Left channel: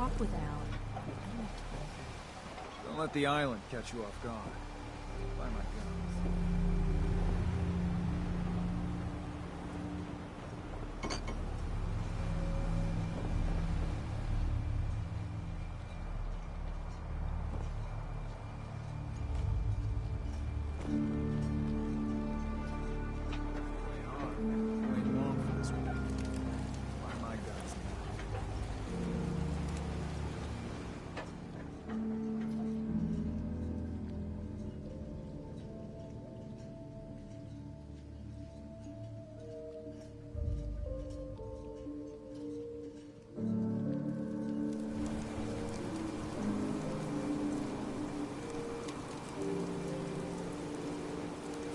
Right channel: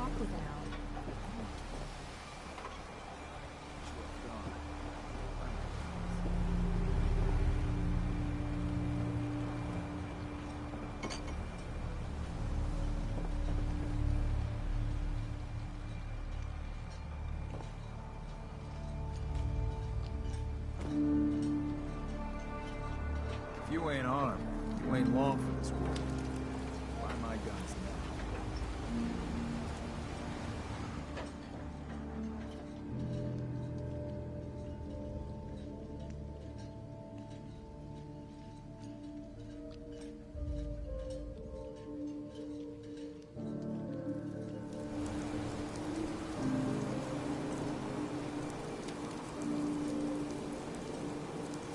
talk without. Don't let the island catch you off guard. Bye, my friends. If you ain't armed, you ain't long for this war. Buy my guns now.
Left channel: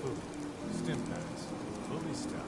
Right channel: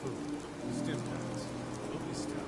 Food, stim packs, lovely stuff.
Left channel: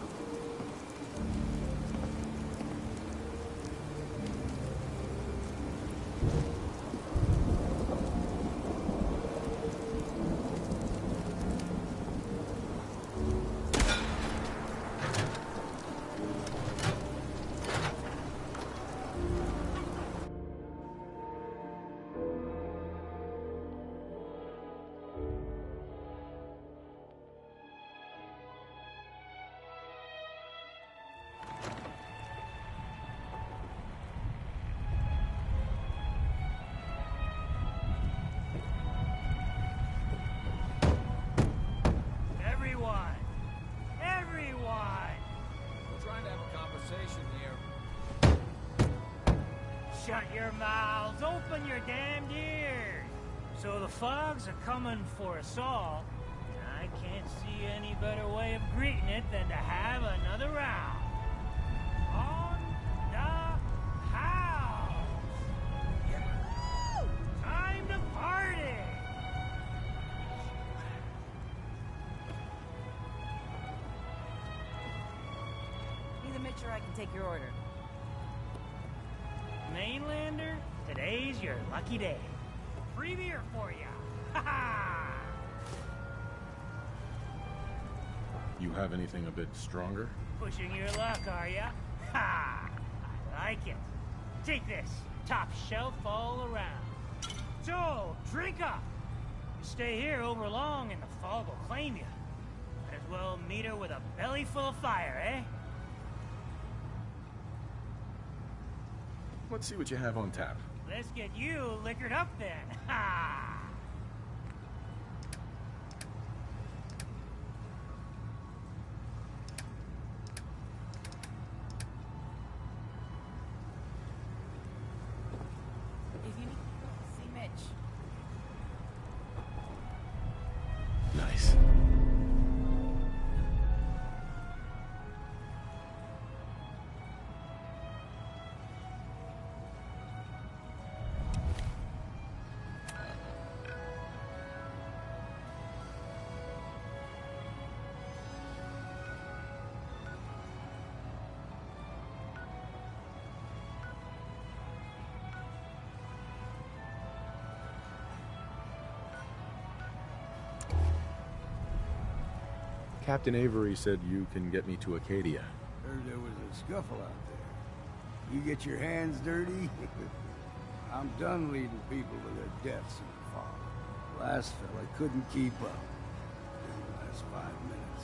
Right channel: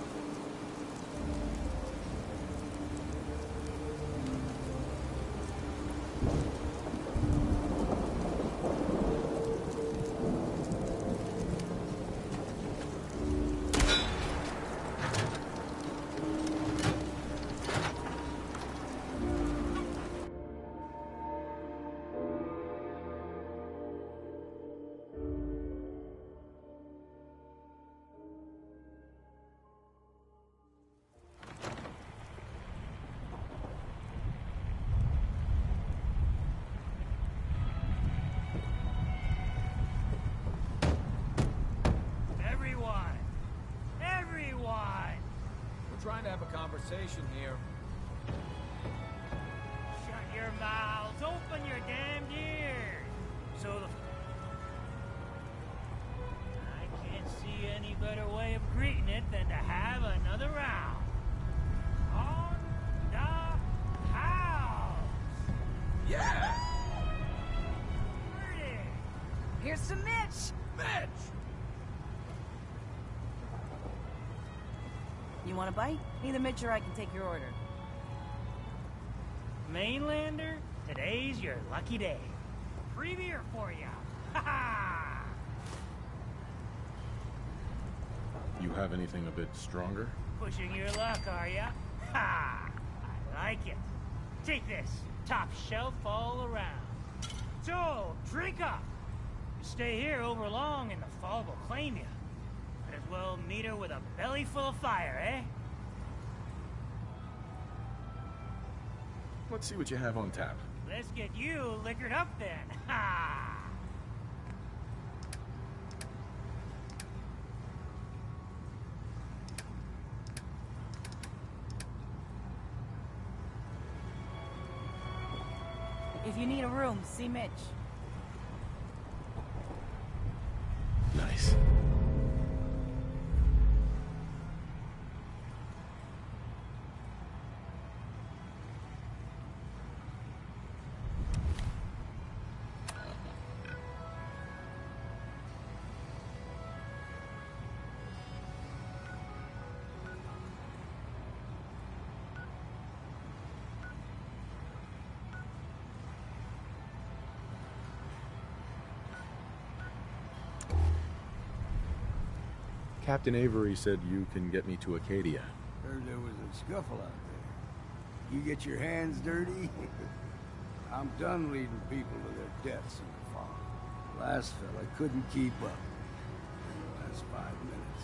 Everyone! We're trying to have a conversation here. Shut your mouths, open your damned ears! So the fogs are coming for us all, and I can't see any better way of greeting it than to have another round. On the house! Yeah! Time to party! Here's some Mitch! Mitch! You want a bite? Either Mitch or I can take your order. Mainlander, today's your lucky day. Free beer for ya! Ha ha! You have anything a bit stronger? Pushing your luck, are ya? Ha! I like it. Take this, top shelf all around. So, drink up! You stay here over long and the fog will claim you. Might as well meet her with a belly full of fire, eh? Let's see what you have on tap. Let's get you liquored up then. Ha! If you need a room, see Mitch. Nice. Captain Avery said you can get me to Acadia. Heard there was a scuffle out there. You get your hands dirty? I'm done leading people to their deaths in the fog. Last fella couldn't keep up in the last 5 minutes.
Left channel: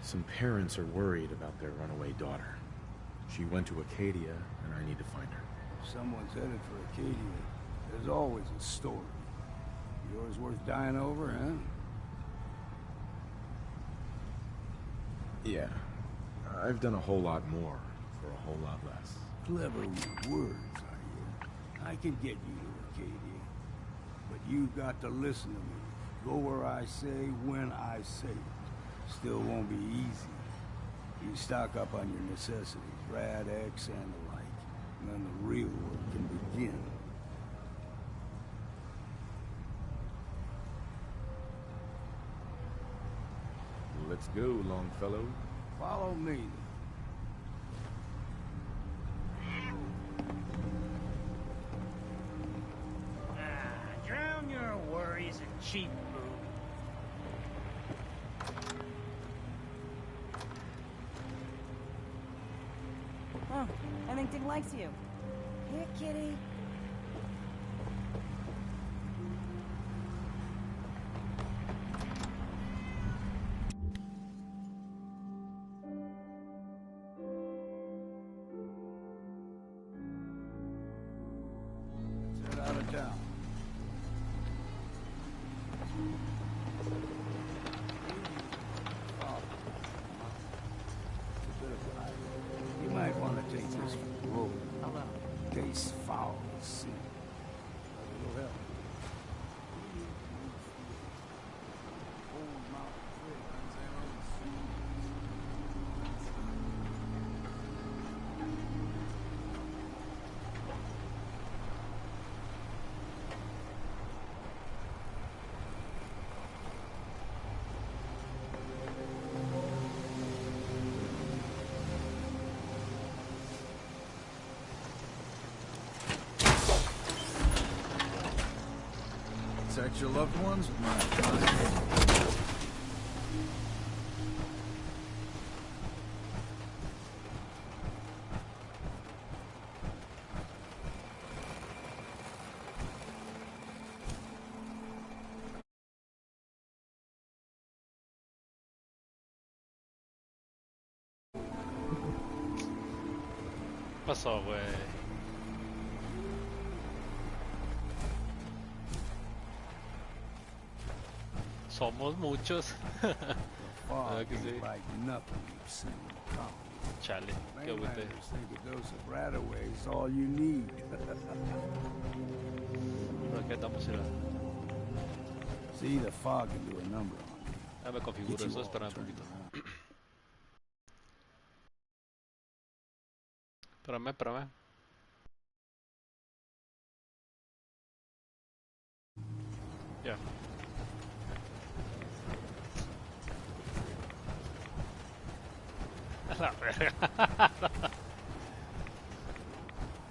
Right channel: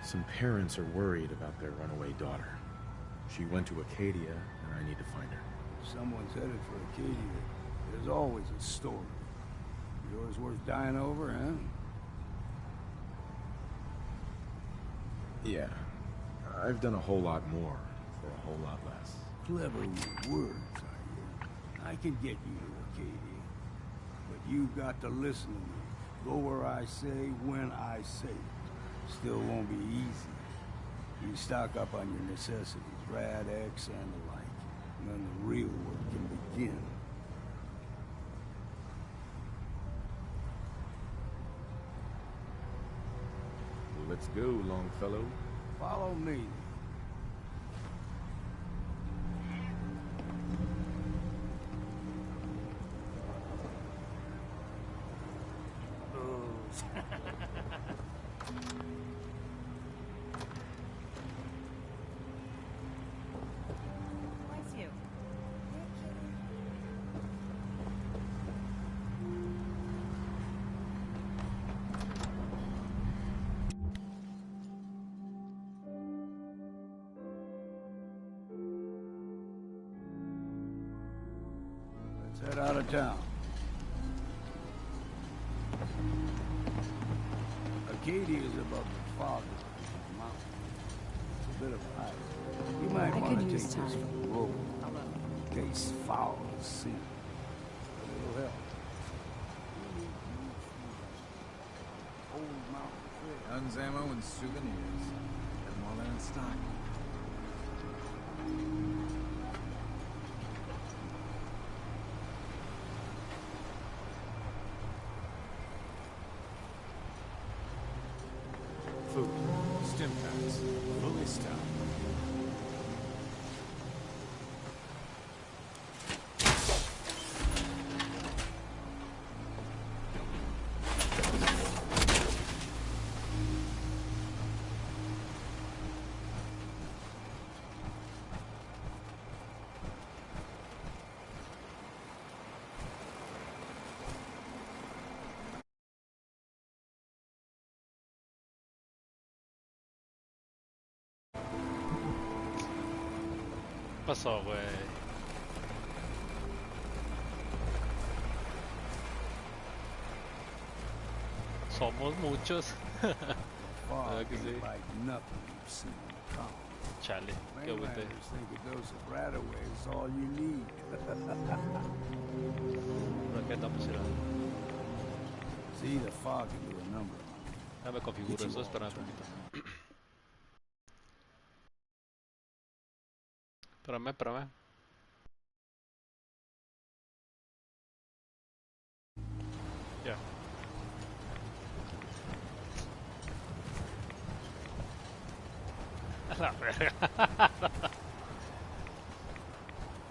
Some parents are worried about their runaway daughter. She went to Acadia, and I need to find her. If someone's headed for Acadia, there's always a story. Yours worth dying over, huh? Yeah. I've done a whole lot more for a whole lot less. Clever with words, are you? I can get you to Acadia. But you've got to listen to me. Go where I say, when I say it. Still won't be easy. You stock up on your necessities, Rad X and the like. And then the real work can begin. Let's go, Longfellow. Follow me. Drown your worries in cheap booze. Oh, I think Dick likes you. Here, kitty. Let's head out of town. Acadia is above the fog mountain. It's a bit of a hike. You might want to take this from the road. Hello. Taste foul as sin. But it'll help. We need to move through old mountain trail. Guns, ammo, and souvenirs. Get them all in stock. Food, stiff nuts, movie stuff. Protect your loved ones with my Pasó, güey. Somos muchos. Fog ¿Verdad que sí? ain't like nothing you've seen in the town. Chale, qué agüite. Mainlanders think a dose of Radaway is all you need. Por aquí andamos, mira. See, the fog can do a number on you. Ya me configuro eso, espera un poquito. Espérame. Ya. A la verga.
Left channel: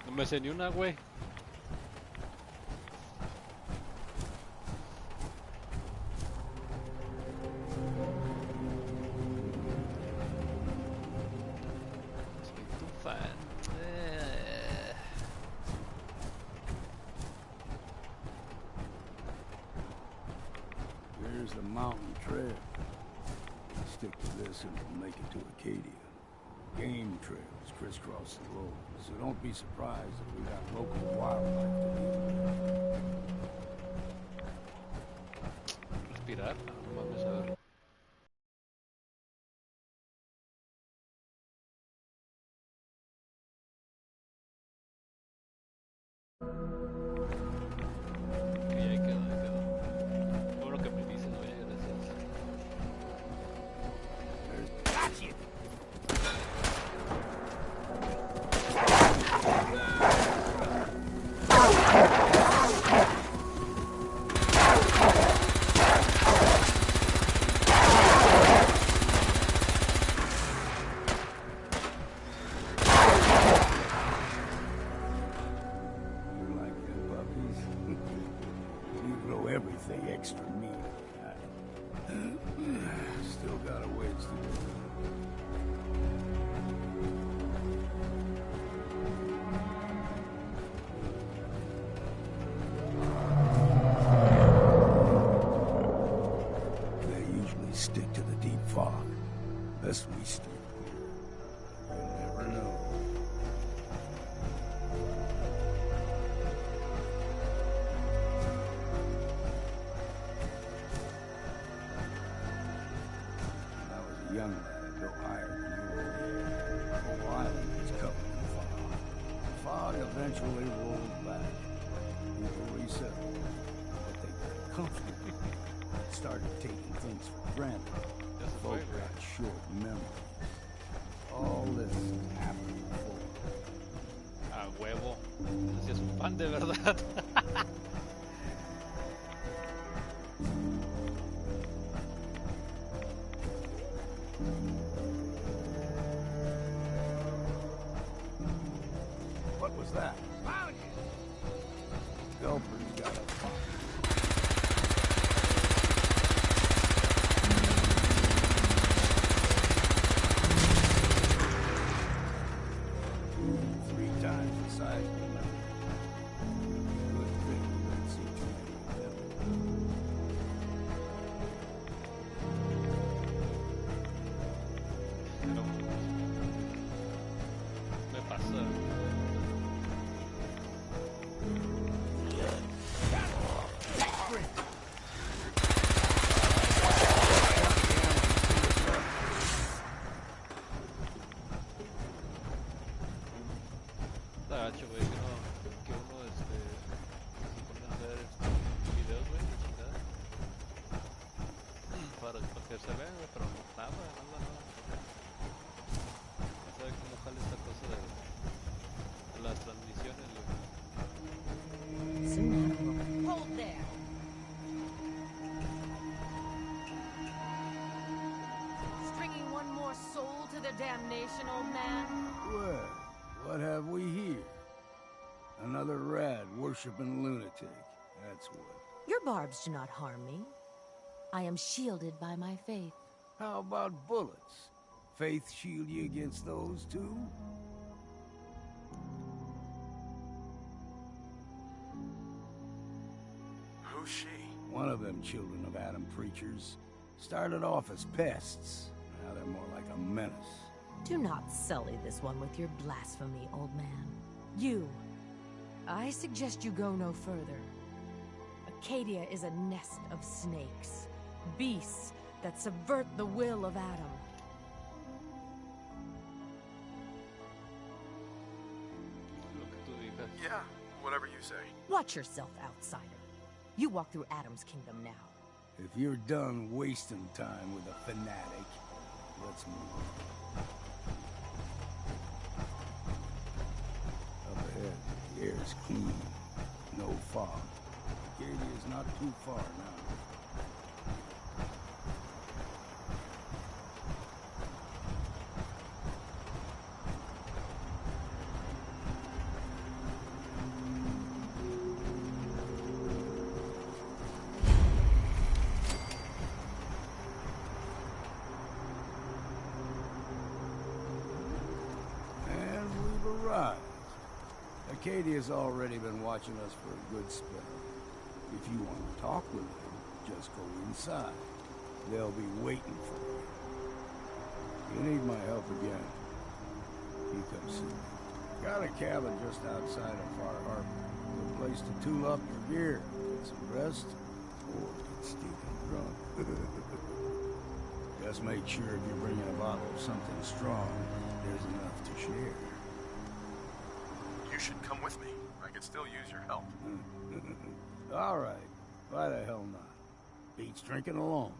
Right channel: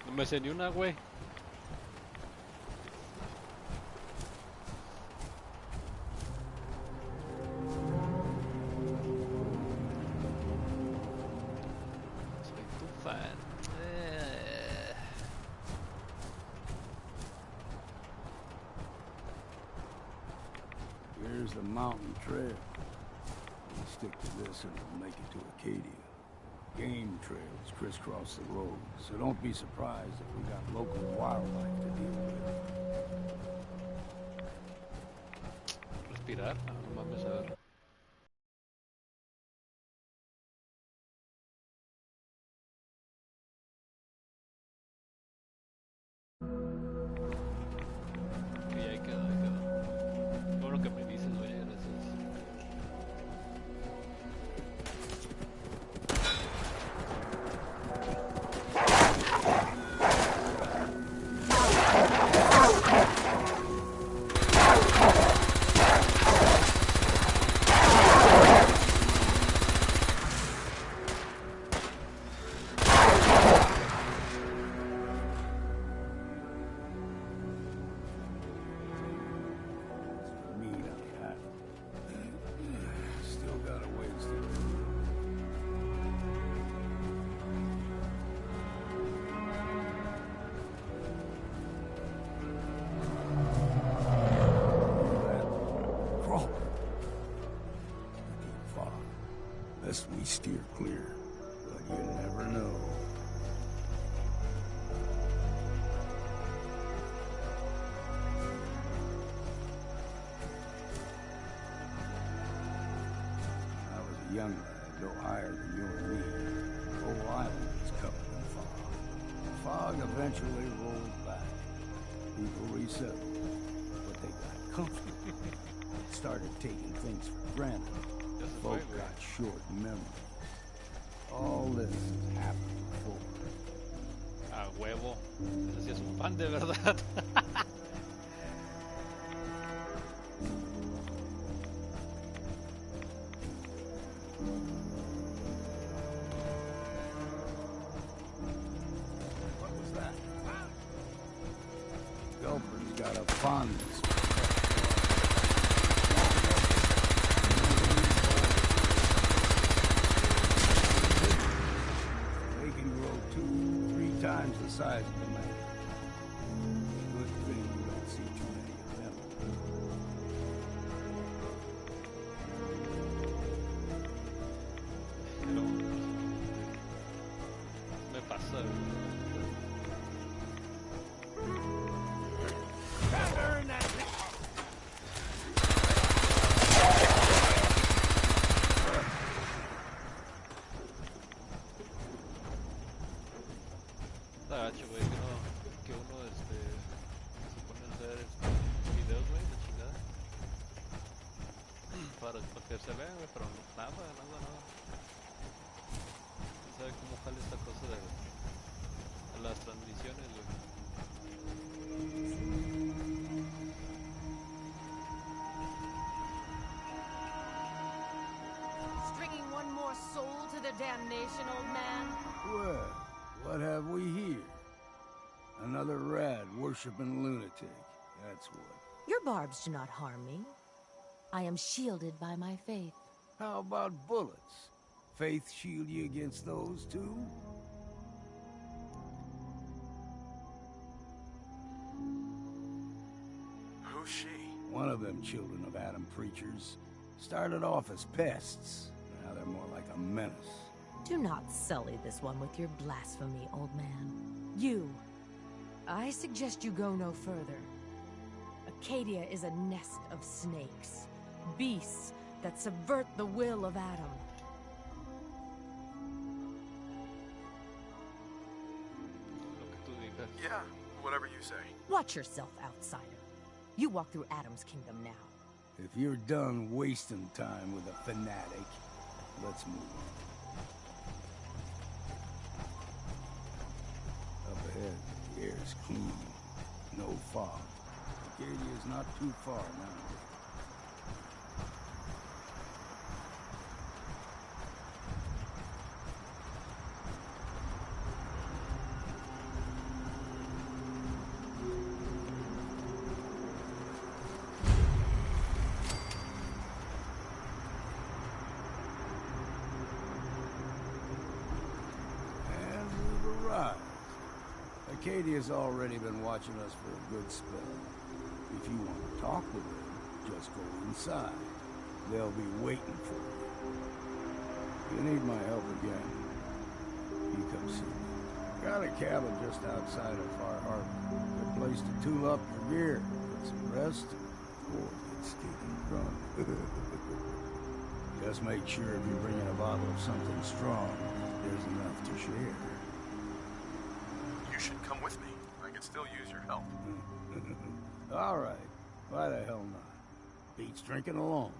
No me sé ni una, güey. Soy tu fan. Here's the mountain trail. We stick to this and we'll make it to Acadia. Game trails crisscross the road, so don't be surprised if we got local wildlife to deal with. Respirar. No mames, a ver. Ok, ahí quedó, ahí quedó. Qué bueno que me dices, güey, gracias. You like them puppies? You throw everything extra mean on that. Still got a ways to go. They usually stick to the deep fog. Best we steer clear. But you never know. When I was a young lad, no higher than you and me. The whole island was covered in fog. The fog eventually rolled back. People resettled, but they got comfortable. Started taking things for granted. Ya se fue, Folk güey. got short memories. All this has happened before. A huevo. Así es un fan de verdad. What was that? Gulper's got a fondness. We can go too times the size of the man. Good thing you don't see too many of them. Pero me pasa. Está gacho, güey, que uno se pone a hacer videos, güey, de chingada. Para que se vean, güey, pero nada. No sabe cómo jala esta cosa de las transmisiones, güey. Hold there. Stringing one more soul to their damnation, old man? Well, what have we here? Another rad worshipping lunatic. That's what. Your barbs do not harm me. I am shielded by my faith. How about bullets? Faith shield you against those too? Who's she? One of them children of Adam preachers started off as pests. Now they're more like a menace. Do not sully this one with your blasphemy, old man. You. I suggest you go no further. Acadia is a nest of snakes. Beasts that subvert the will of Adam. Lo que tú digas. Yeah, whatever you say. Watch yourself, outsider. You walk through Adam's kingdom now. If you're done wasting time with a fanatic, let's move on. Up ahead, the air is clean. No fog. Acadia's not too far now. And we've arrived. Acadia's already been watching us for a good spell. If you want to talk with them, just go inside. They'll be waiting for you. If you need my help again, you come see me. Got a cabin just outside of Far Harbor. Good place to tool up your gear, get some rest, or get stinking drunk. Just make sure if you're bringing a bottle of something strong, there's enough to share. You should come with me. I could still use your help. All right. Why the hell not? Beats drinking alone.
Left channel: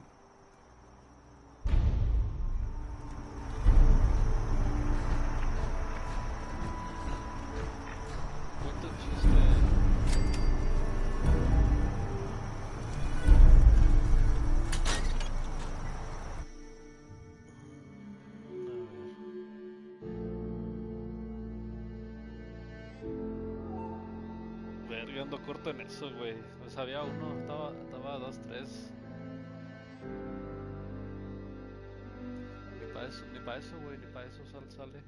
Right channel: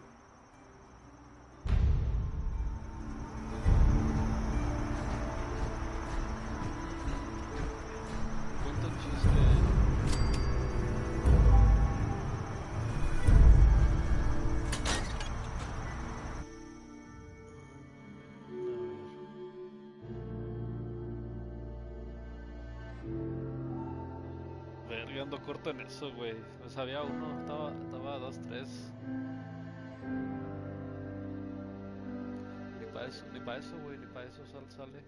Cuento un chiste. Verga, ando corto en eso, güey. No sabía uno, estaba 2, 3. Ni para eso, güey, ni para eso sale.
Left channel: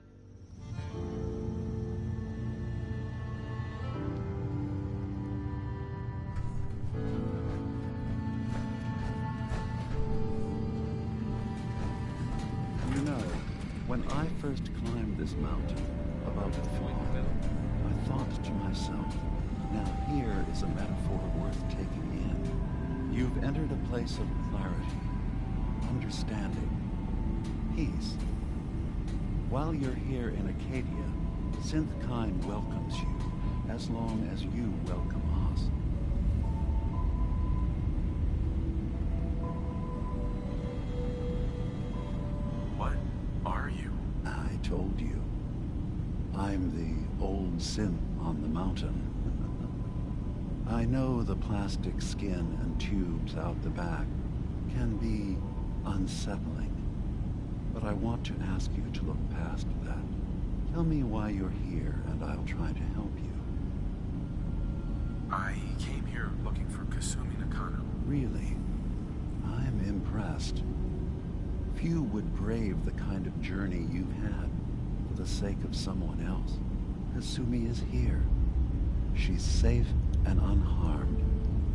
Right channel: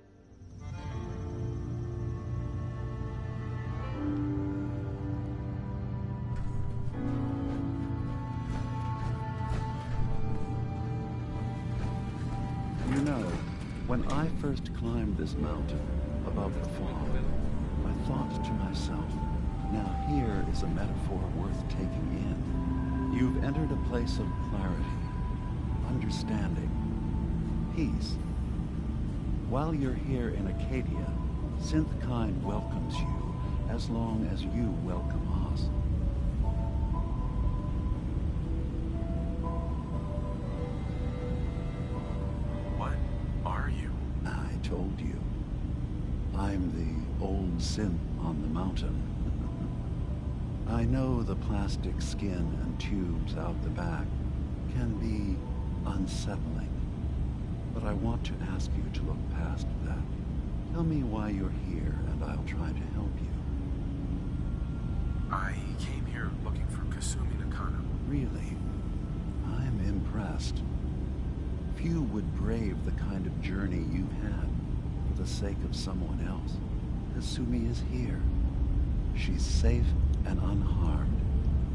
You know, when I first climbed this mountain above the fog, I thought to myself, now here is a metaphor worth taking in. You've entered a place of clarity, understanding, peace. While you're here in Acadia, Synthkind welcomes you as long as you welcome us. What are you? I told you. I'm the old synth on the mountain. I know the plastic skin and tubes out the back can be unsettling, but I want to ask you to look past that. Tell me why you're here, and I'll try to help you. I came here looking for Kasumi Nakano. Really? I'm impressed. Few would brave the kind of journey you've had for the sake of someone else. Kasumi is here. She's safe and unharmed,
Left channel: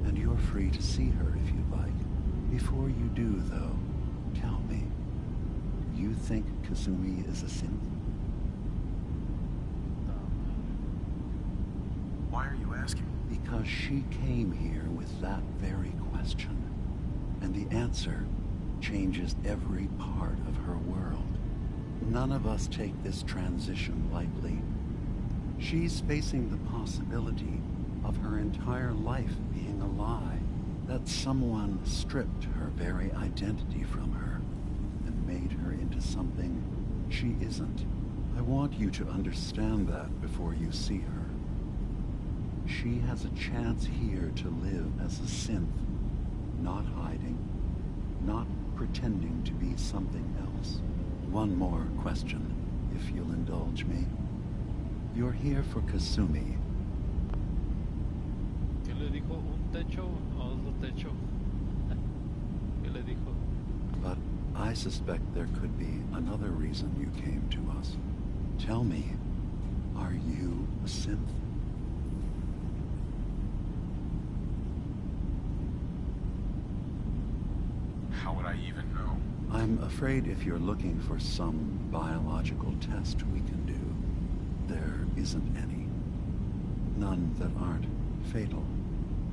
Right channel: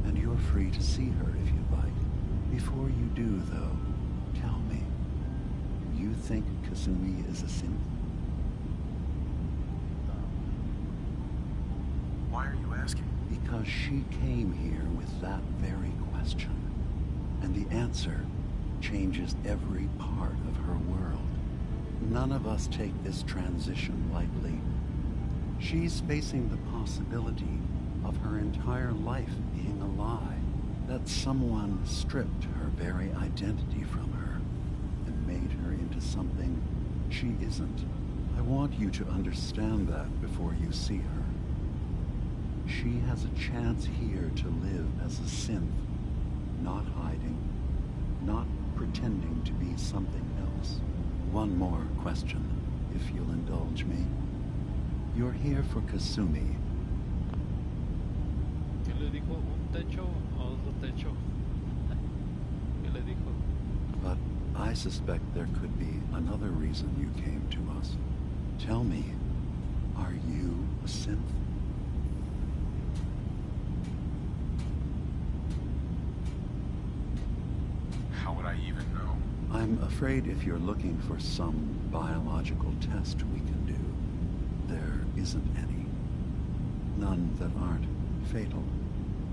and you're free to see her if you like. Before you do, though, tell me, do you think Kasumi is a synth? Why are you asking? Because she came here with that very question, and the answer changes every part of her world. None of us take this transition lightly. She's facing the possibility of her entire life being a lie, that someone stripped her very identity from her and made her into something she isn't. I want you to understand that before you see her. She has a chance here to live as a synth, not hiding, not pretending to be something else. One more question, if you'll indulge me. You're here for Kasumi. ¿Qué le dijo? ¿Un techo o otro techo? ¿Qué le dijo? But I suspect there could be another reason you came to us. Tell me, are you a synth? How would I even know? I'm afraid if you're looking for some biological test we can do, there isn't any. None that aren't fatal.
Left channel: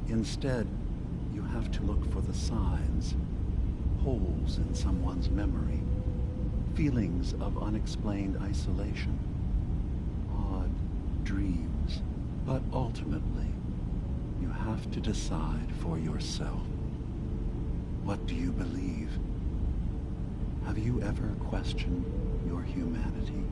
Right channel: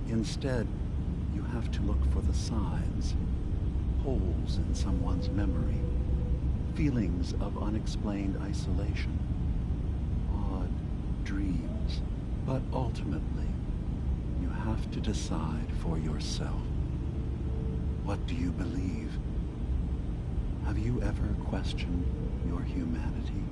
Instead, you have to look for the signs, holes in someone's memory, feelings of unexplained isolation, odd dreams. But ultimately, you have to decide for yourself. What do you believe? Have you ever questioned your humanity?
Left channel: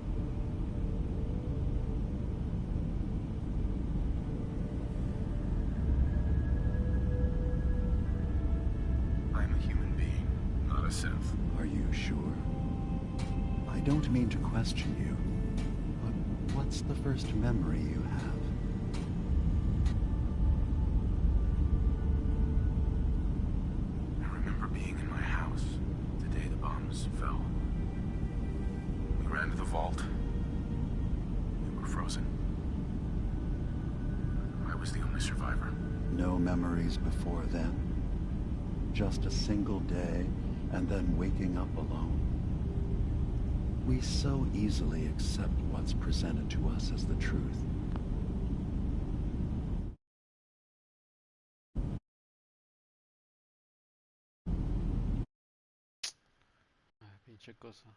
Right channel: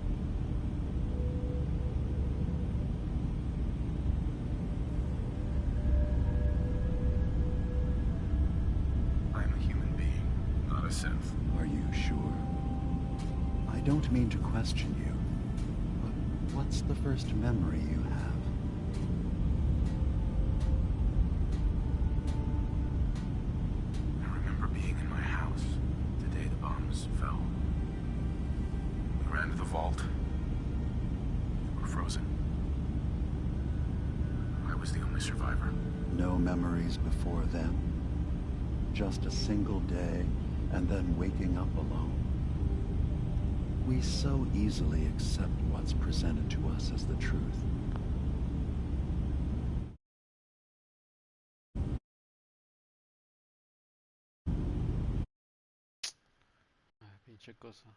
I'm a human being, not a synth. Are you sure? I don't mean to question you, but what's the first memory you have? I remember being in my house the day the bombs fell. We ran to the vault. We were frozen. I was the only survivor. No memories before then? Just a single day, and then waking up alone? We so easily accept what's presented to us as the truth. Ay, pinche cosa.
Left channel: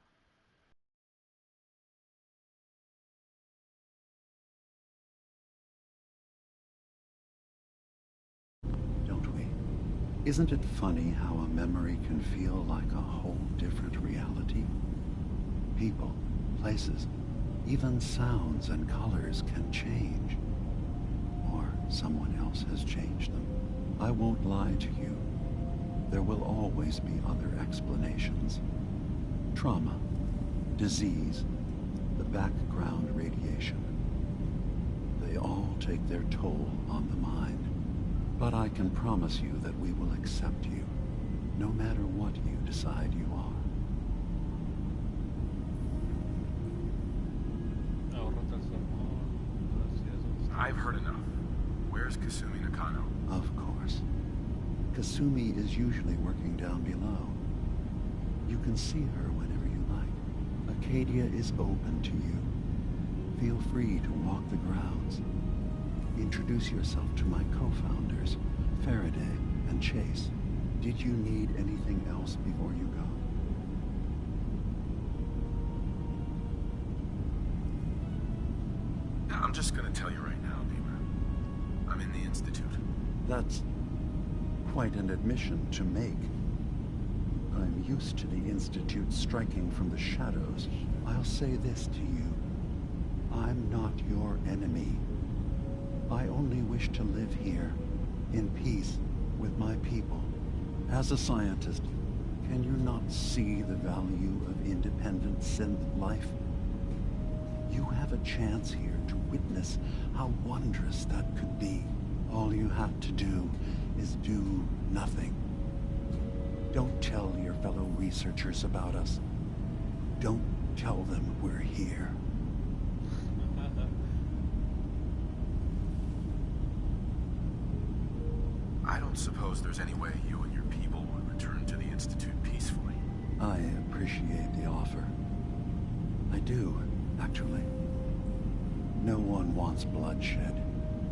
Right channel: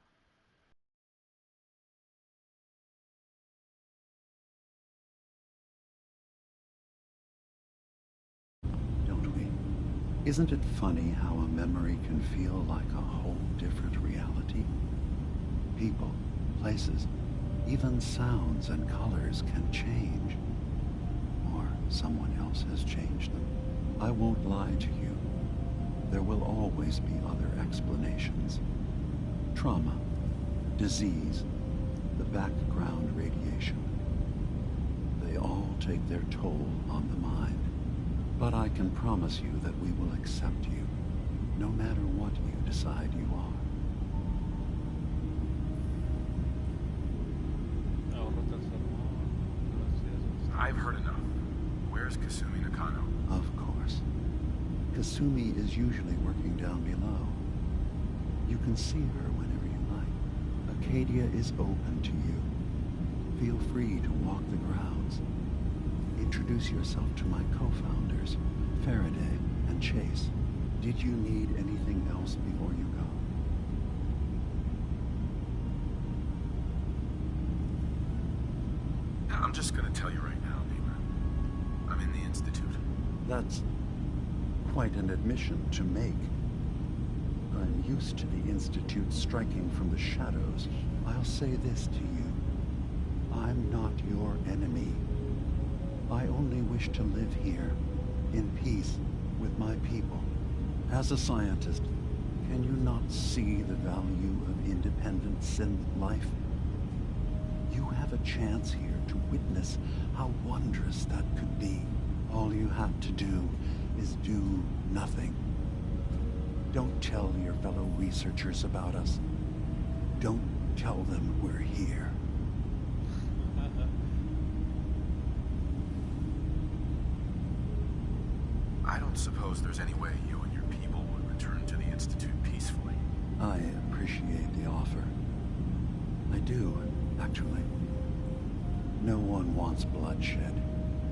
Don't we? Isn't it funny how a memory can feel like a whole different reality? People, places, even sounds and colors can change. Or someone else has changed them. I won't lie to you. There will always be other explanations. Trauma, disease, the background radiation. They all take their toll on the mind. But I can promise you that we will accept you, no matter what you decide you are. Ahórrate el sermón. Gracias. I've heard enough. Where's Kasumi Nakano? Of course. Kasumi is usually working down below. You can see her whenever you like. Acadia is open to you. Feel free to walk the grounds. Introduce yourself to my co-founders, Faraday and Chase. Did you need anything else before you go? I'm just gonna tell you right now, neighbor. I'm in the Institute. That's quite an admission to make. I'm used to the Institute striking from the shadows. I'll say this to you. I'm not your enemy. I only wish to live here, in peace, with my people. As a scientist, can you not see the value of independent synth life? You have a chance here to witness how wondrous that could be. All you have to do is do nothing. Don't tell your fellow researchers about us. Don't tell them we're here. don't suppose there's any way you and your people would return to the Institute peacefully. I appreciate the offer. I do, actually. No one wants bloodshed,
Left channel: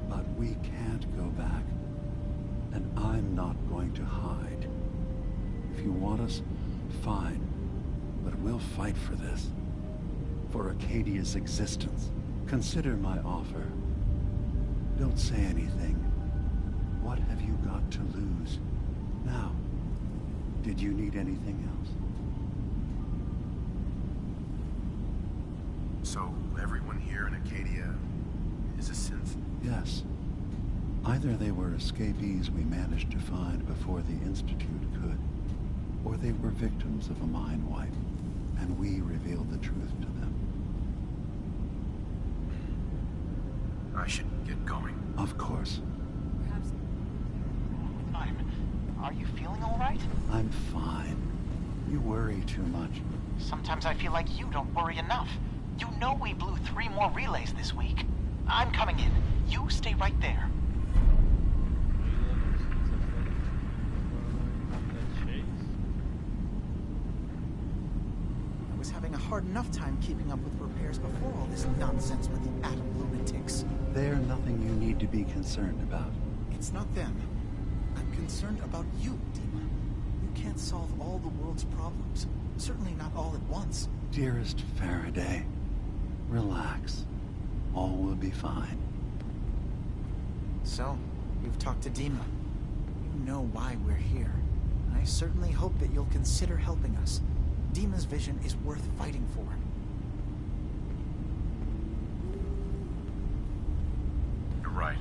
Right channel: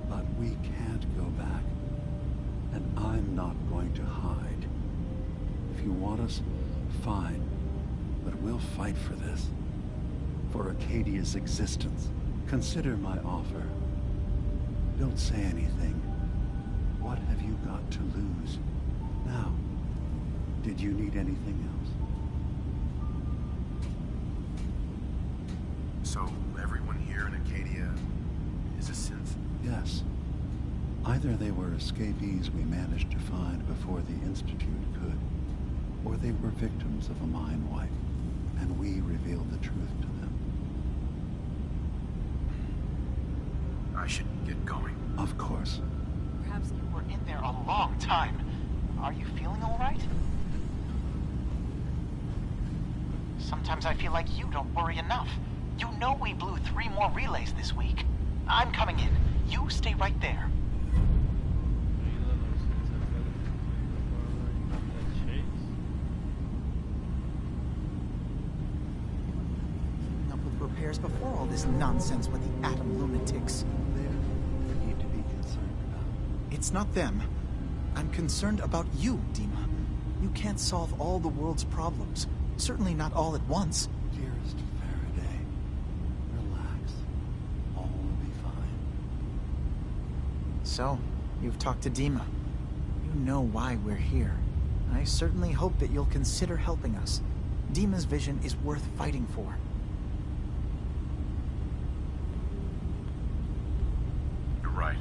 but we can't go back. And I'm not going to hide. If you want us, fine. But we'll fight for this. For Acadia's existence. Consider my offer. Don't say anything. What have you got to lose? Now, did you need anything else? So, everyone here in Acadia is a synth? Yes. Either they were escapees we managed to find before the Institute could, or they were victims of a mind wipe, and we revealed the truth to them. I should get going. Of course. Perhaps we're in there a long time. Are you feeling all right? I'm fine. You worry too much. Sometimes I feel like you don't worry enough. You know we blew 3 more relays this week. I'm coming in. You stay right there. I was having a hard enough time keeping up with repairs before all this nonsense with the atom lunatics. They're nothing you need to be concerned about. It's not them. I'm concerned about you, Dima. You can't solve all the world's problems. Certainly not all at once. Dearest Faraday, relax. All will be fine. So, you've talked to Dima. You know why we're here. I certainly hope that you'll consider helping us. Dima's vision is worth fighting for. You're right.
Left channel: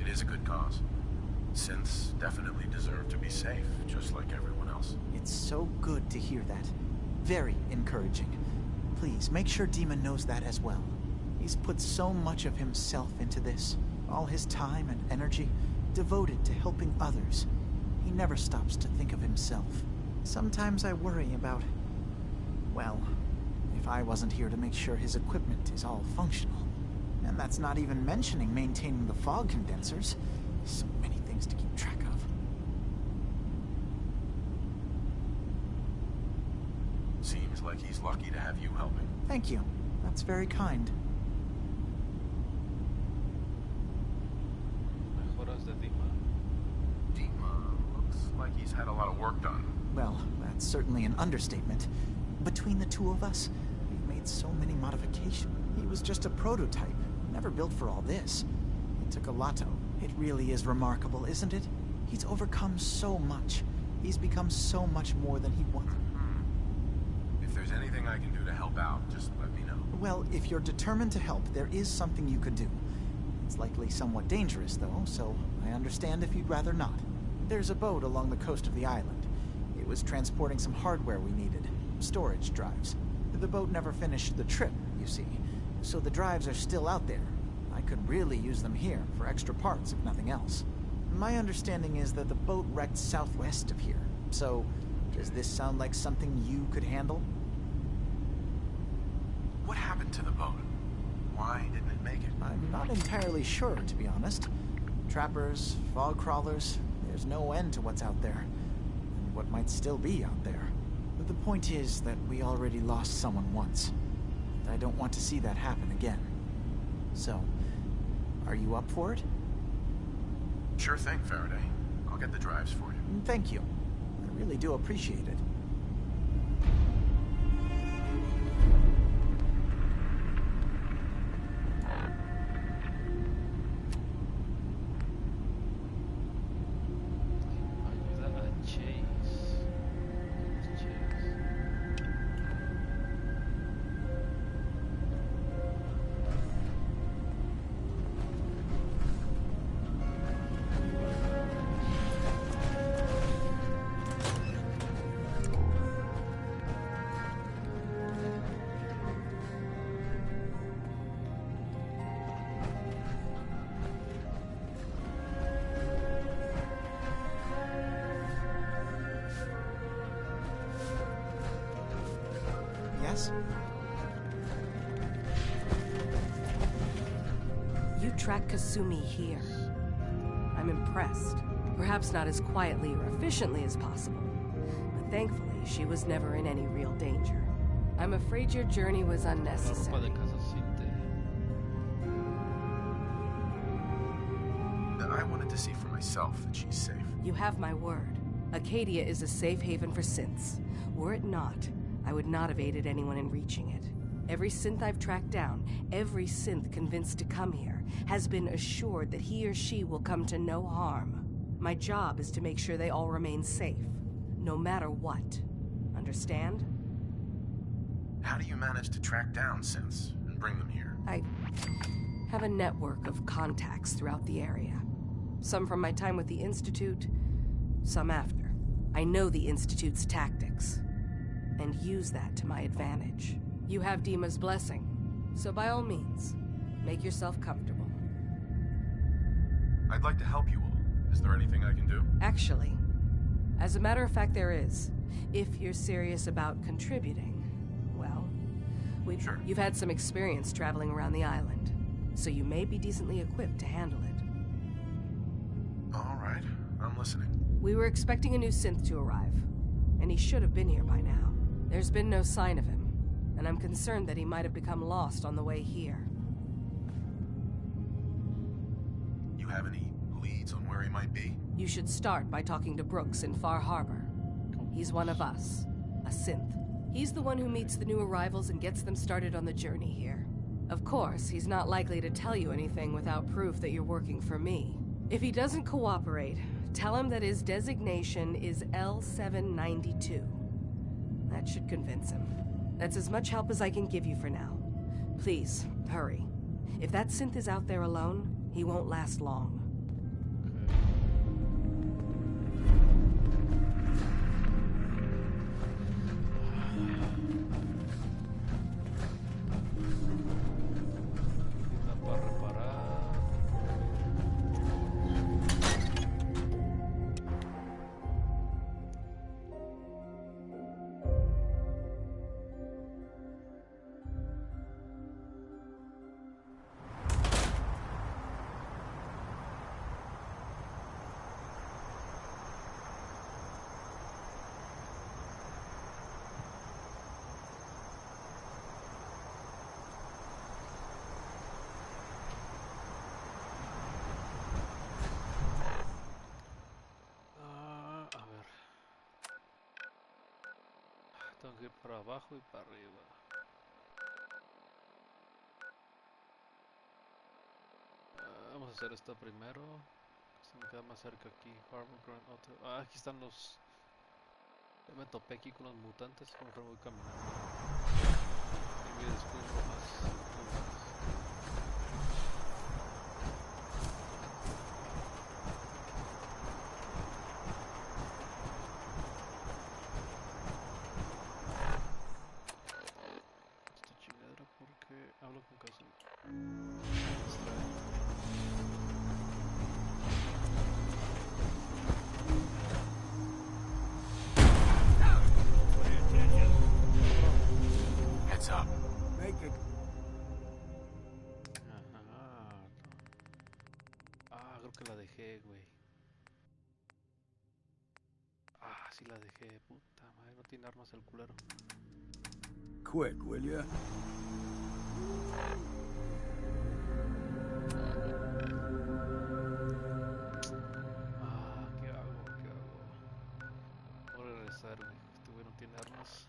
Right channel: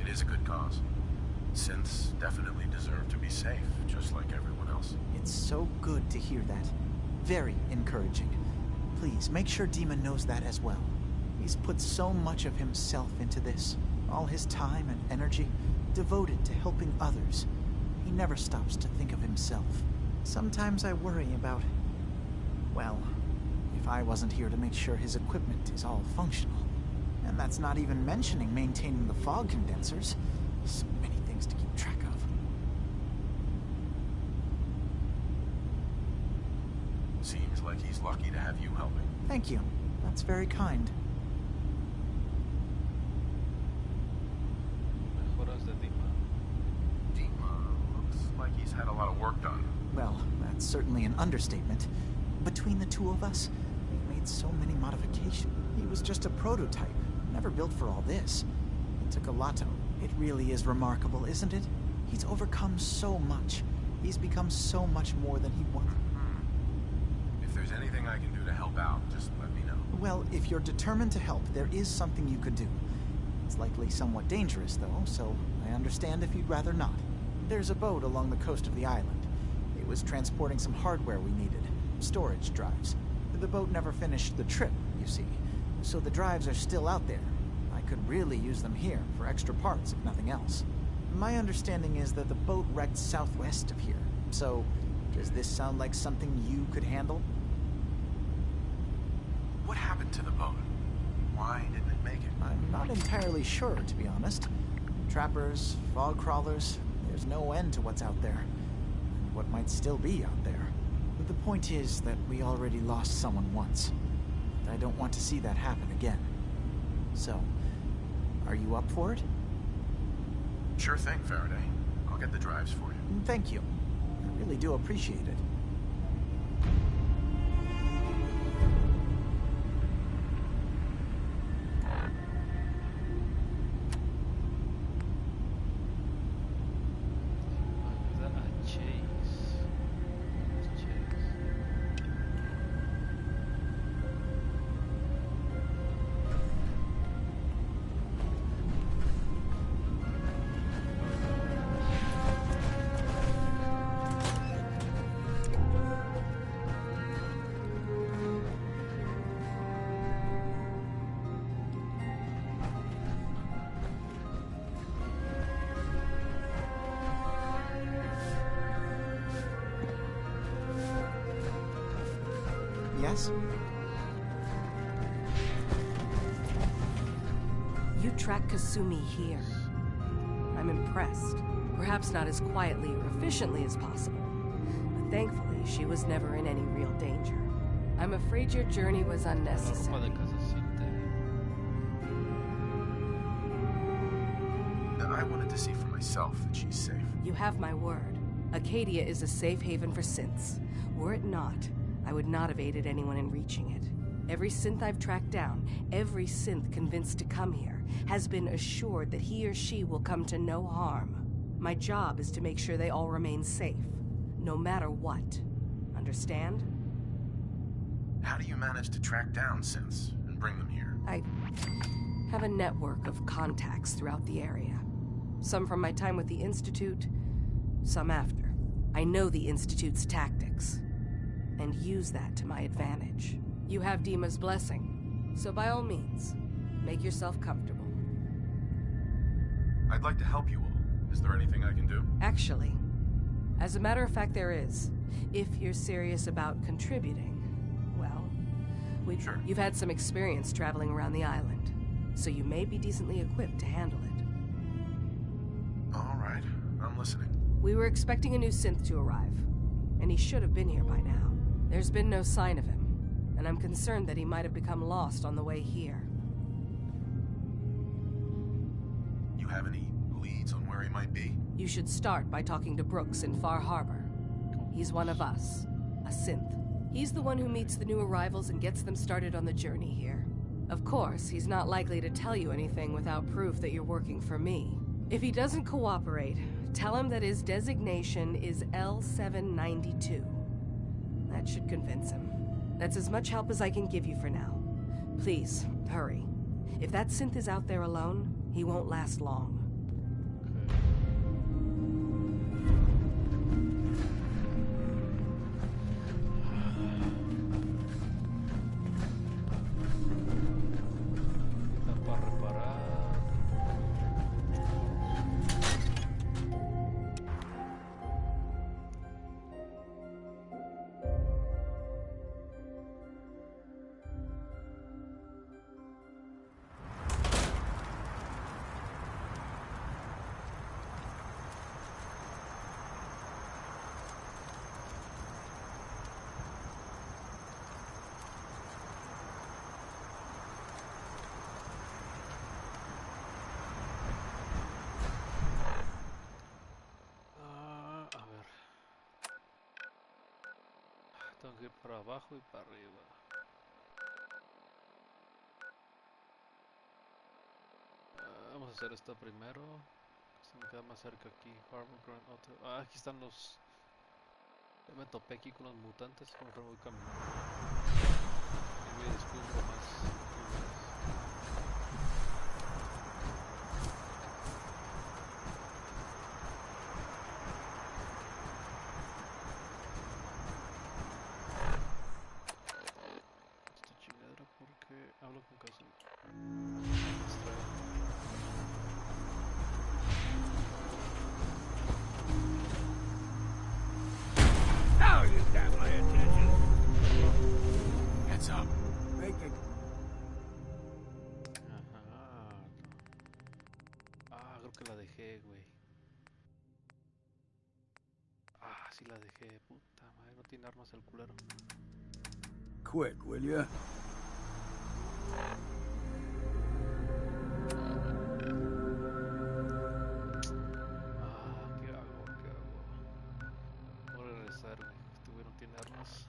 It is a good cause. Synths definitely deserve to be safe, just like everyone else. It's so good to hear that. Very encouraging. Please, make sure Dima knows that as well. He's put so much of himself into this. All his time and energy devoted to helping others. He never stops to think of himself. Sometimes I worry about... well, if I wasn't here to make sure his equipment is all functional. And that's not even mentioning maintaining the fog condensers. So many things to keep track of. Seems like he's lucky to have you helping. Thank you. That's very kind. Mejoras de Dima. Dima looks like he's had a lot of work done. Well, that's certainly an understatement. Between the two of us, we've made so many modifications. He was just a prototype, never built for all this. It took a lot. It really is remarkable, isn't it? He's overcome so much. He's become so much more than he wanted. If there's anything I can do to help out, just let me know. Well, if you're determined to help, there is something you could do. It's likely somewhat dangerous, though, so I understand if you'd rather not. There's a boat along the coast of the island. It was transporting some hardware we needed. Storage drives. The boat never finished the trip, you see, so the drives are still out there. I could really use them here for extra parts, if nothing else. My understanding is that the boat wrecked southwest of here, so does this sound like something you could handle? What happened to the boat? Why didn't it make it? I'm not entirely sure, to be honest. Trappers, fog crawlers, there's no end to what's out there. And what might still be out there. But the point is that we already lost someone once. And I don't want to see that happen again. So, are you up for it? Sure thing, Faraday. I'll get the drives for you. Thank you. I really do appreciate it. Ayuda a Chase. Yes? You tracked Kasumi here. I'm impressed. Perhaps not as quietly or efficiently as possible, but thankfully she was never in any real danger. I'm afraid your journey was La ropa unnecessary. de casa siente. I wanted to see for myself that she's safe. You have my word. Acadia is a safe haven for synths. Were it not, I would not have aided anyone in reaching it. Every synth I've tracked down, every synth convinced to come here, has been assured that he or she will come to no harm. My job is to make sure they all remain safe, no matter what. Understand? How do you manage to track down synths and bring them here? I have a network of contacts throughout the area. Some from my time with the Institute, some after. I know the Institute's tactics, and use that to my advantage. You have Dima's blessing, so by all means, make yourself comfortable. I'd like to help you all. Is there anything I can do? Actually, as a matter of fact, there is. If you're serious about contributing, well, Sure. you've had some experience traveling around the island, so you may be decently equipped to handle it. All right, I'm listening. We were expecting a new synth to arrive, and he should have been here by now. There's been no sign of him, and I'm concerned that he might have become lost on the way here. You have any leads on where he might be? You should start by talking to Brooks in Far Harbor. He's one of us, a synth. He's the one who meets the new arrivals and gets them started on the journey here. Of course, he's not likely to tell you anything without proof that you're working for me. If he doesn't cooperate, tell him that his designation is L792. That should convince him. That's as much help as I can give you for now. Please, hurry. If that synth is out there alone, he won't last long. Para reparar. A ver. Tengo que ir para abajo y para arriba. Vamos a hacer esta primero. Se me queda más cerca aquí. Harbor Grand Hotel. Aquí están los... Ya me topé aquí con los mutantes. Mejor voy caminando. Y voy a descubrir más lugares. Esta chingadera porque hablo con casa. Me distrae. Now you got my attention. Heads up. Make it. Ajá. Creo que la dejé, güey. Sí la dejé. Puta madre, no tiene armas el culero. Quick, will ya? ¿Qué hago? ¿Qué hago? Voy a regresar, güey. Este güey no tiene armas.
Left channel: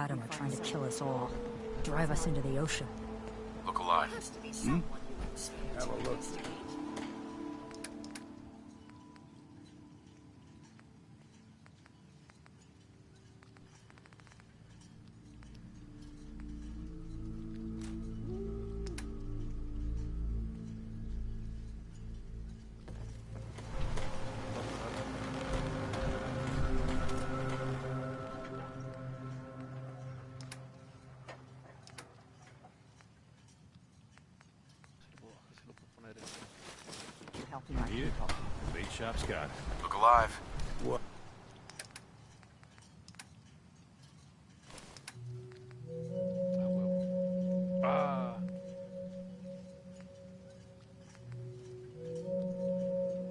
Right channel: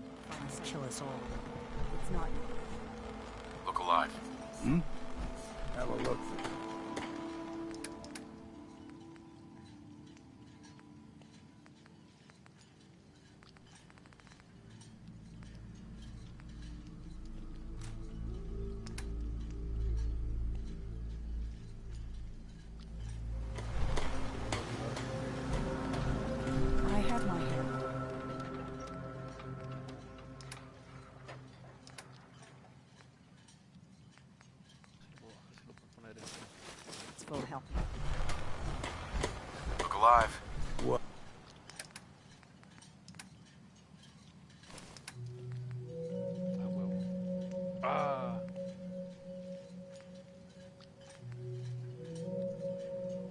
Adam are trying to kill us all. Drive us into the ocean. Look alive. Hmm? Have a look. Will help you out. Big shop's got. Look alive. What? Ah.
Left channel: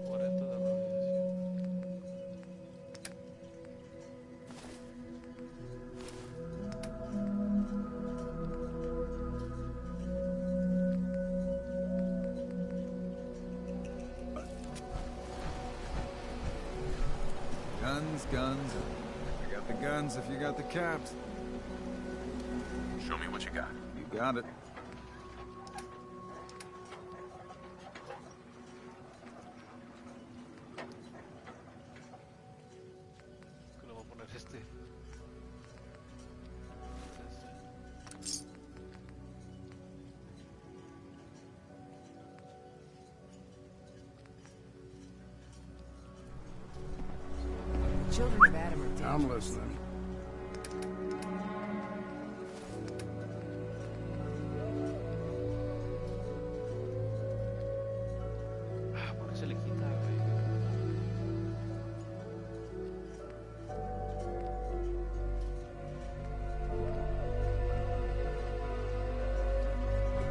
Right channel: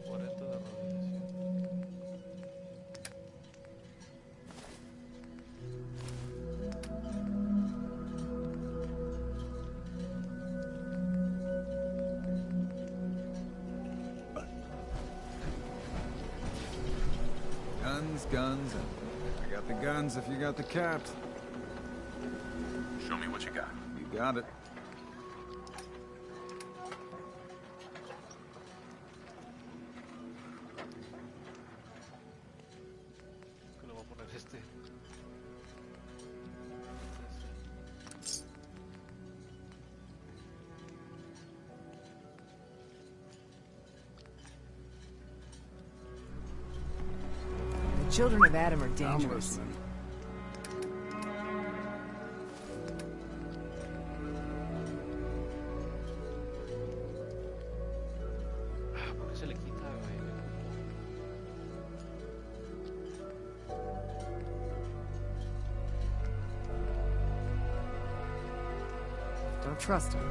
40 de radiación. Guns. I got the guns if you got the caps. Show me what you got. You got it. Que le voy a poner este. The children of Adam are I'm dangerous. listening. Ah, ¿por qué se le quita, güey? Don't trust him.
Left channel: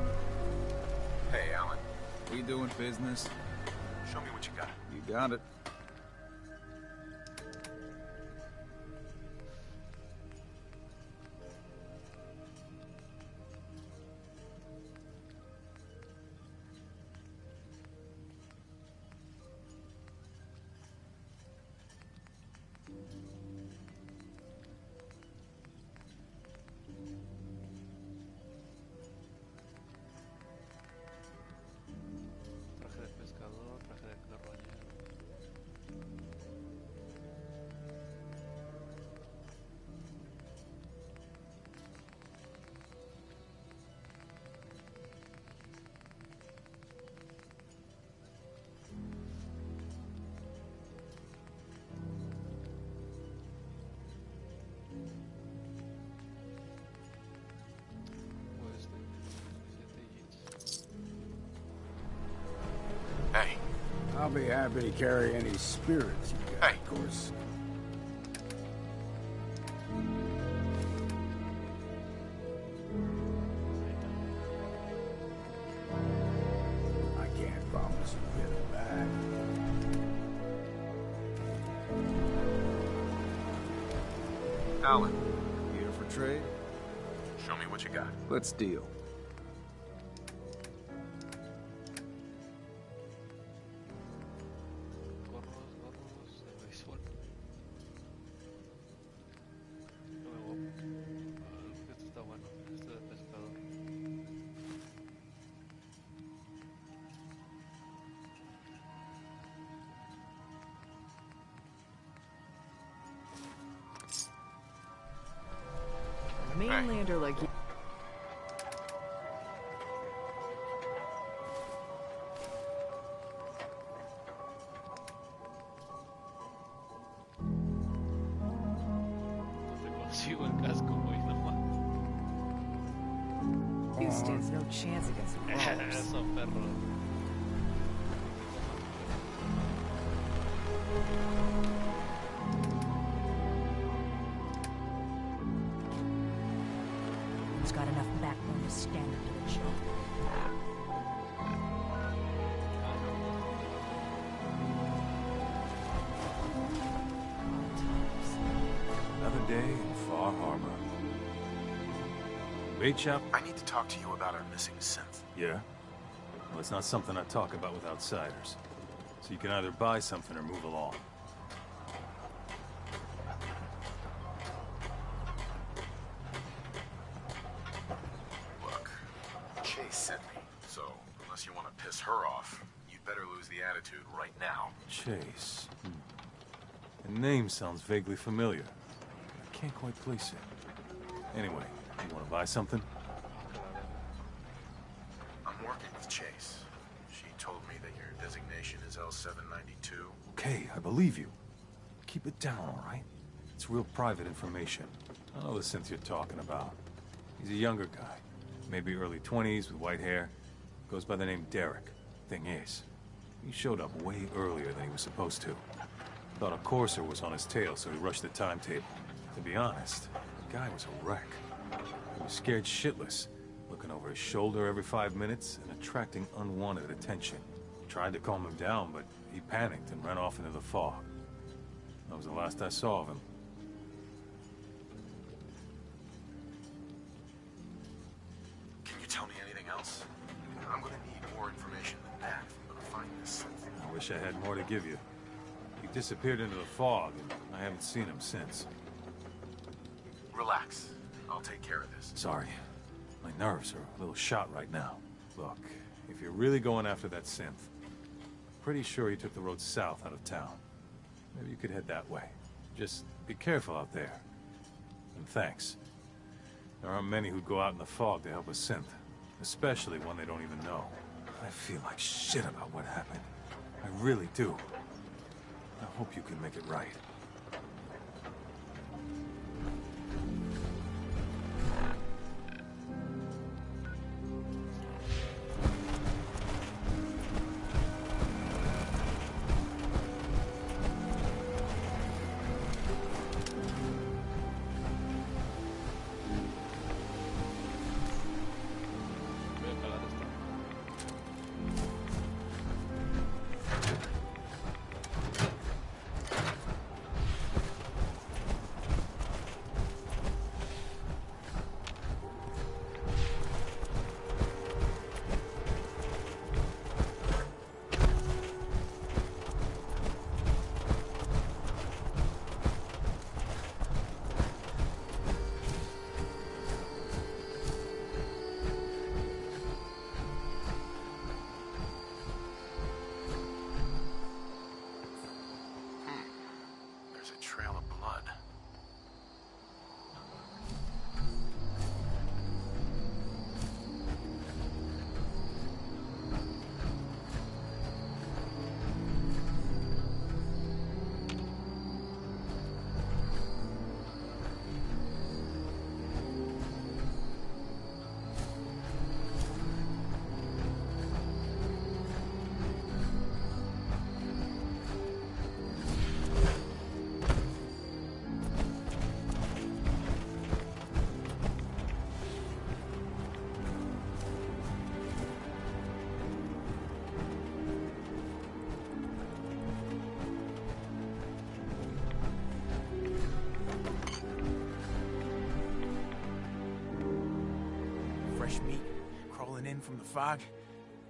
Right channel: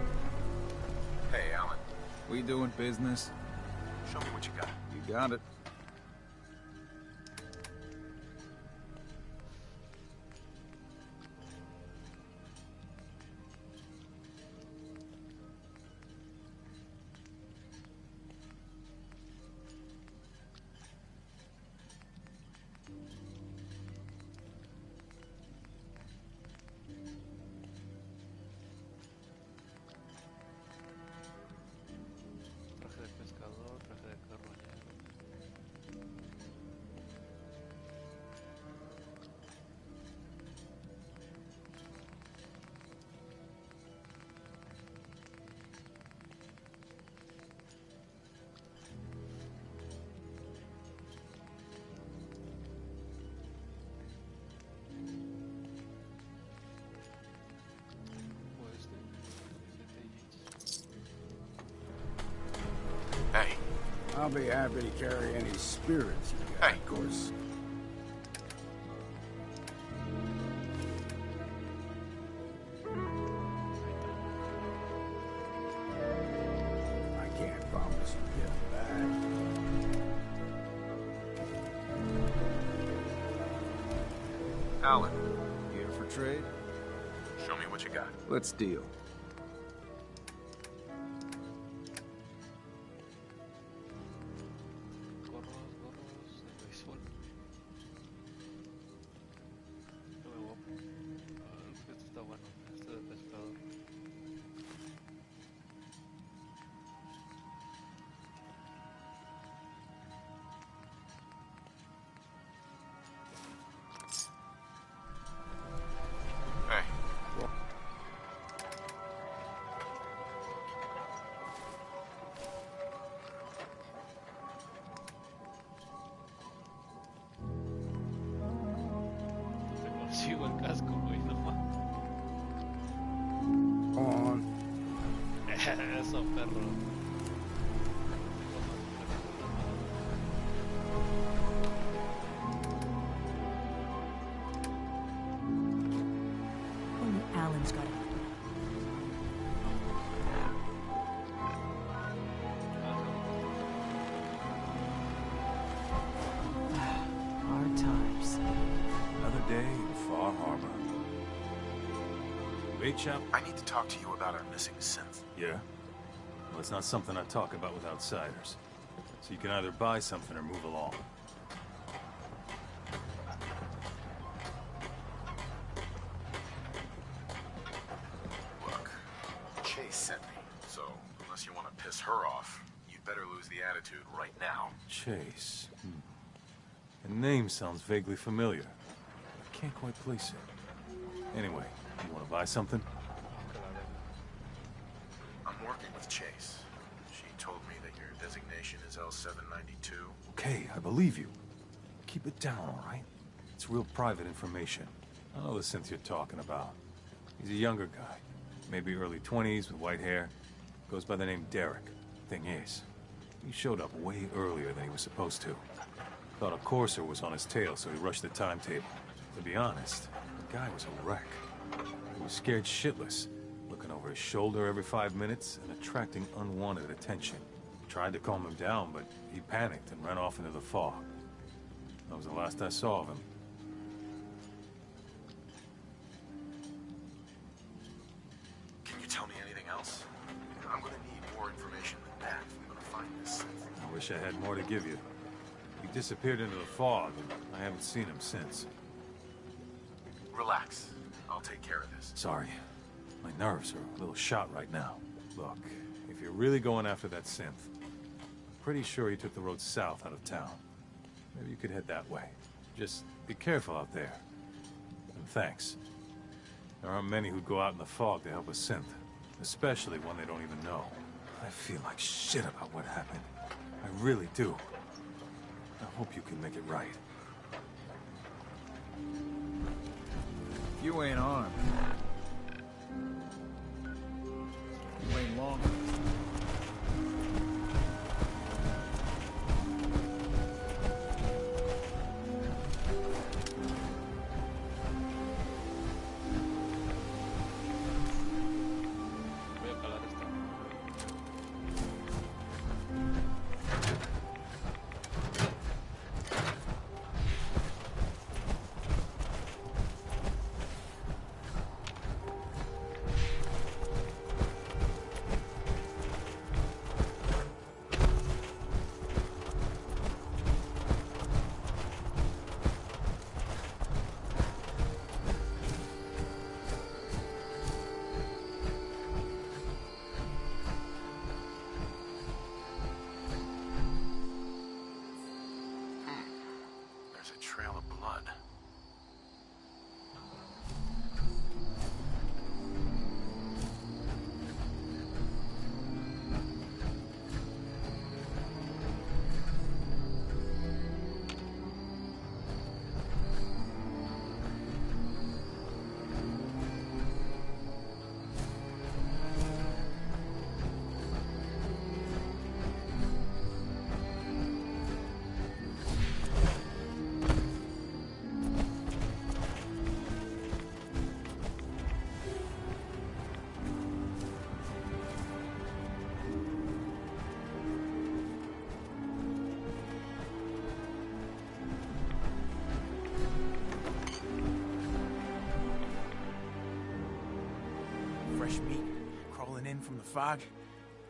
Hey, Alan. We doing business? Show me what you got. You got it. Traje de pescador, traje de carroñero. Pues camiseta y jeans. Hey. I'll be happy to carry any spirits you got, Hey. of course. I can't promise you get it back. Alan. Here for trade? Show me what you got. Let's deal. Gorros de béisbol. No me voy. Este está bueno. Este de pescador. Mainlander like No te consigo el casco, güey, no mames. On. there's no chance against him. Eso, perro. Only Alan's got enough backbone to stand up and show. Hard times. Another day in Far Harbor. Bait shop? I need to talk to you about our missing synth. Yeah? Well, it's not something I talk about with outsiders. So you can either buy something or move along. sent me. So, unless you want to piss her off, you'd better lose the attitude right now. Chase. The name sounds vaguely familiar. I can't quite place it. Anyway, you want to buy something? I'm working with Chase. She told me that your designation is L792. Okay, I believe you. Keep it down, all right? It's real private information. I know the synth you're talking about. He's a younger guy. Maybe early 20s with white hair. Goes by the name Derek. Thing is, he showed up way earlier than he was supposed to. Thought a courser was on his tail, so he rushed the timetable. To be honest, the guy was a wreck. He was scared shitless, looking over his shoulder every 5 minutes and attracting unwanted attention. Tried to calm him down, but he panicked and ran off into the fog. That was the last I saw of him. Can you tell me anything else? I'm gonna need more information than that if I'm gonna find this synth. I wish I had more to give you. He disappeared into the fog, and I haven't seen him since. Relax. I'll take care of this. Sorry. My nerves are a little shot right now. Look, if you're really going after that synth, pretty sure he took the road south out of town. Maybe you could head that way. Just be careful out there. And thanks. There aren't many who go out in the fog to help a synth, especially one they don't even know. I feel like shit about what happened. I really do. I hope you can make it right. You ain't on. Wait long. Voy a calar esta. There's a trail of blood. Fresh meat crawling in from the fog.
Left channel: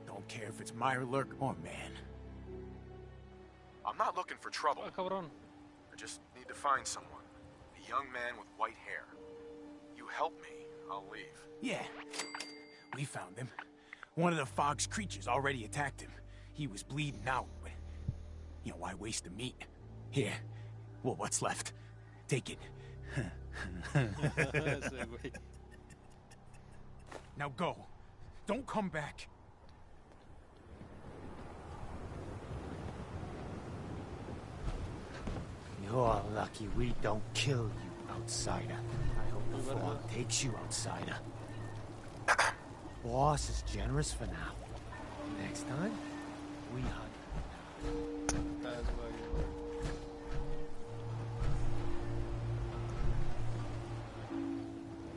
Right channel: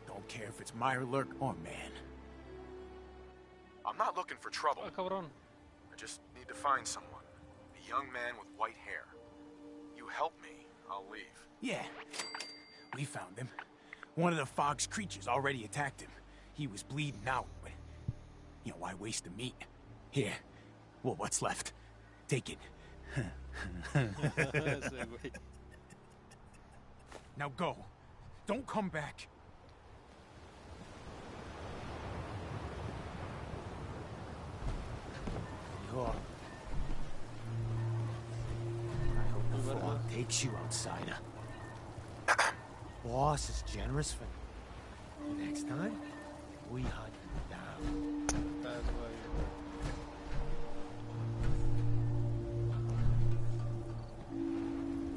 Don't care if it's Meyer Lurk or man. I'm not looking for trouble. Ah, cabrón. I just need to find someone. A young man with white hair. You help me, I'll leave. Yeah, we found him. One of the fog's creatures already attacked him. He was bleeding out, but, you know, why waste the meat? Here, well, what's left? Take it. Ese güey. Now go. Don't come back. You're lucky we don't kill you, outsider. I hope the fog takes you, outsider. Boss is generous for now. Next time, we hunt you down. That's why.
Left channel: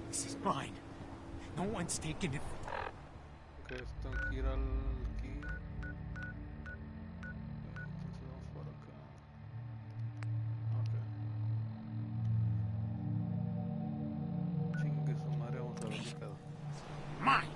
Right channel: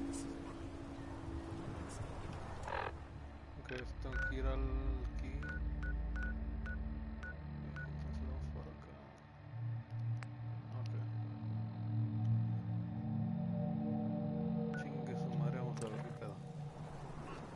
This is mine. No one's taking it. Ok, tengo que ir al aquí. Entonces vamos por acá. Ok. Chingue su madre, vamos a ver qué pedo. Mine.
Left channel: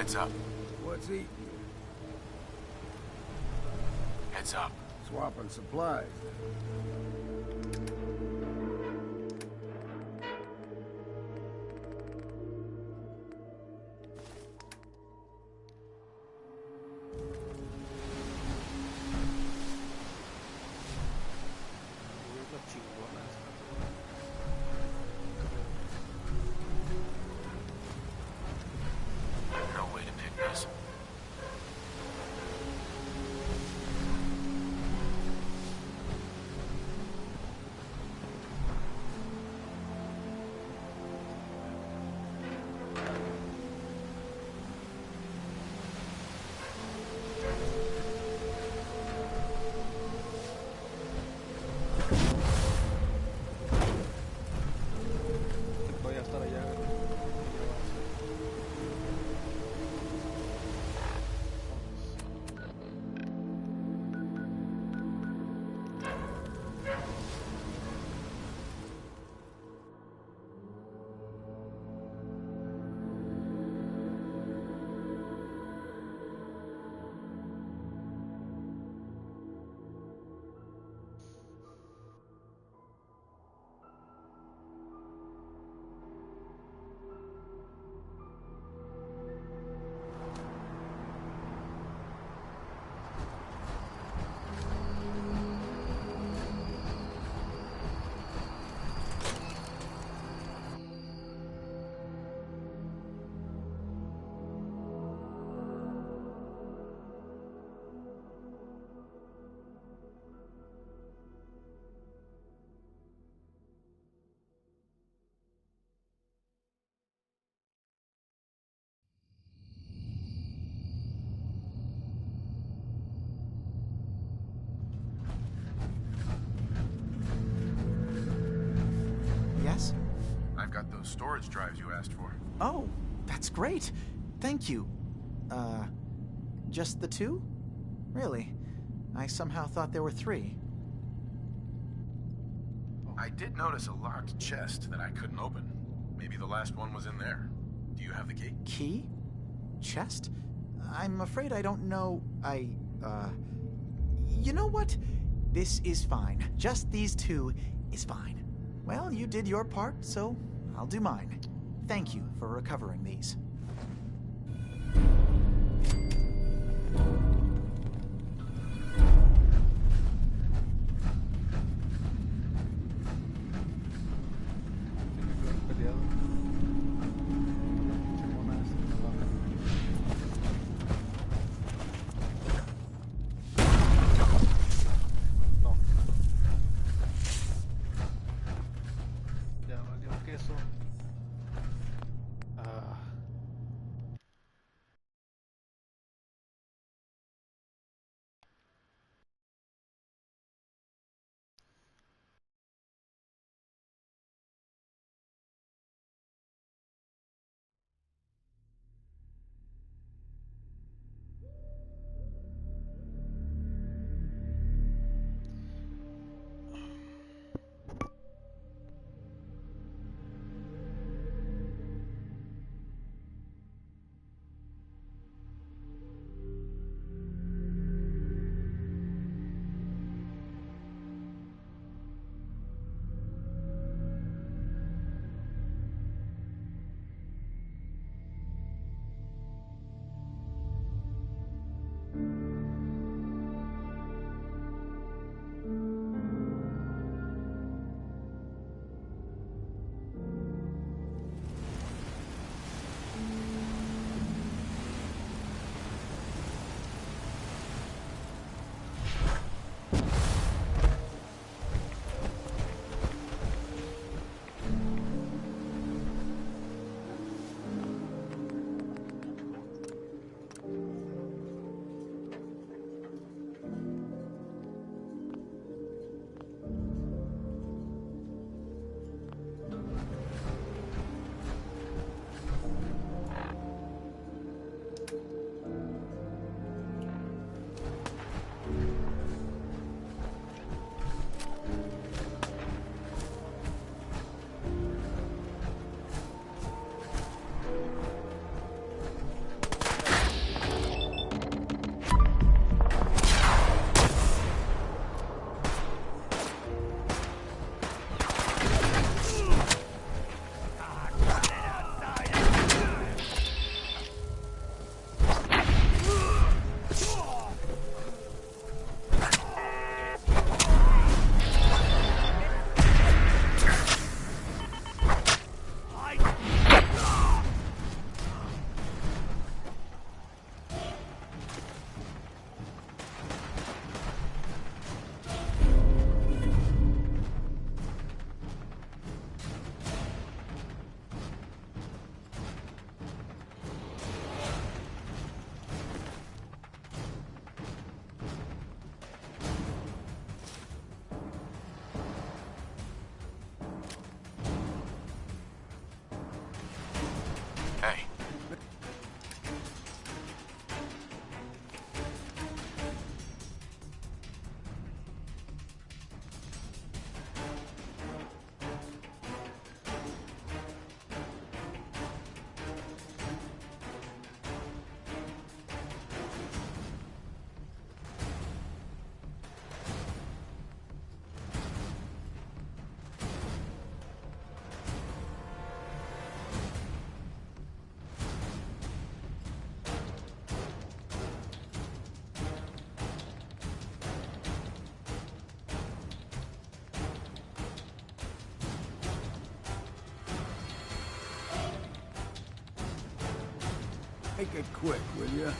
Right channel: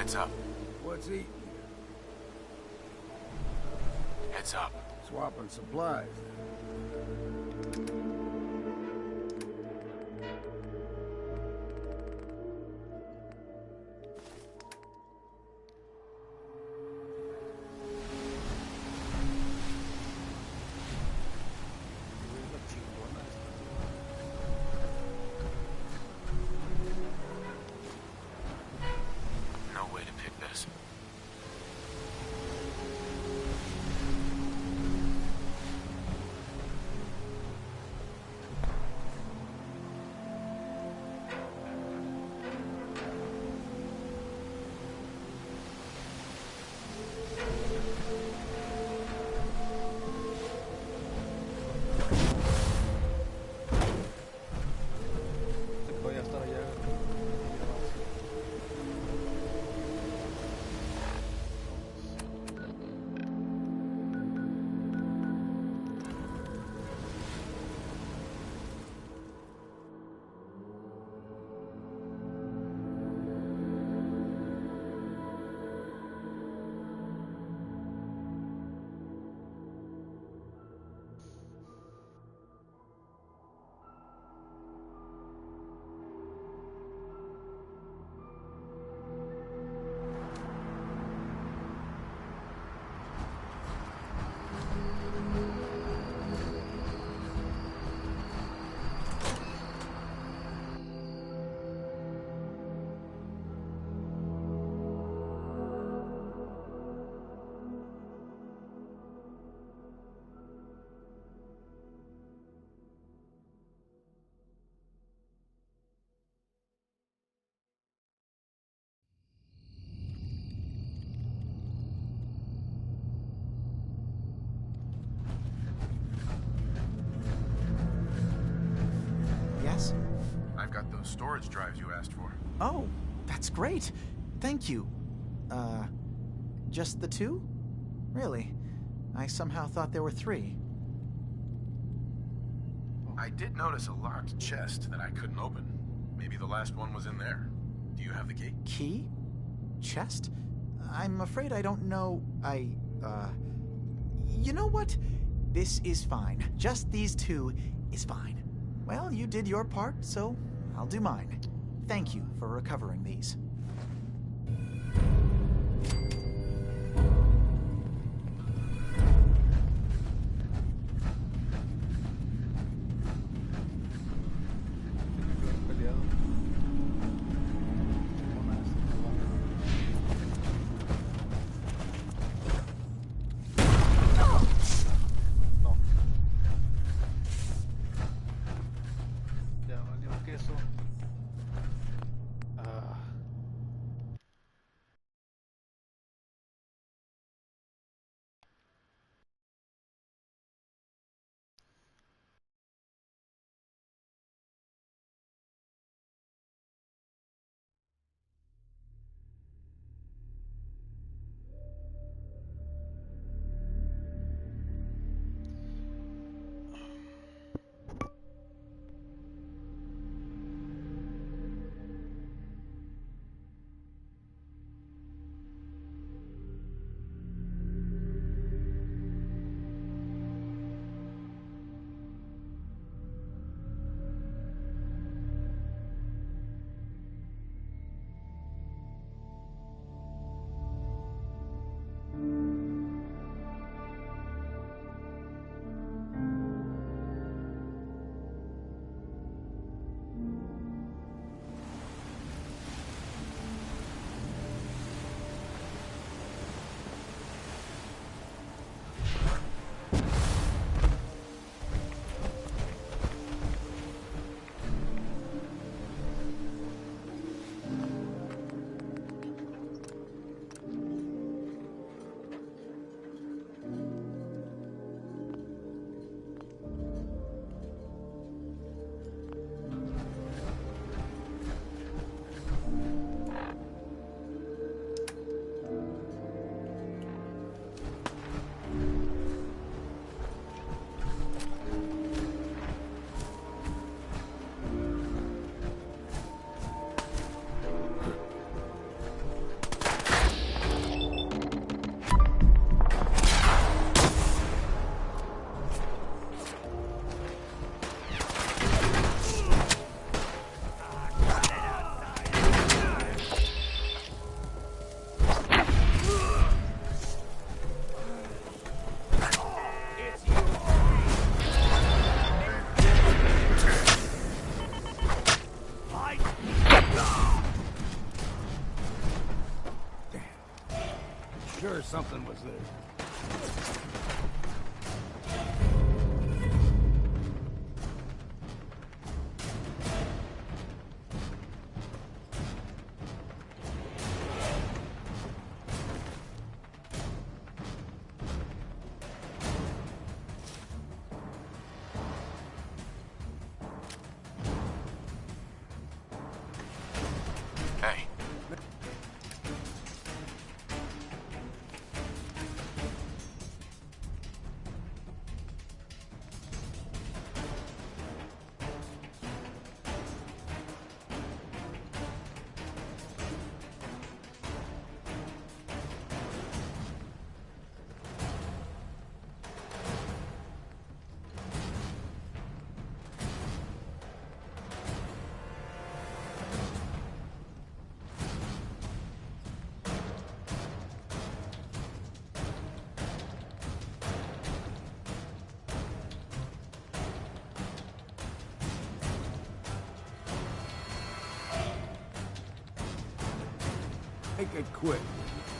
Heads up. What's eating you? Heads up. Swapping supplies. No way to pick this. Voy a estar allá. Yes? I've got those storage drives you asked for. Oh, that's great. Thank you. Just the two? Really? I somehow thought there were three. I did notice a locked chest that I couldn't open. Maybe the last one was in there. Do you have the key? Key? Chest? I'm afraid I don't know. You know what? This is fine. Just these two is fine. Well, you did your part, so I'll do mine. Thank you for recovering these. Make it quick, will you?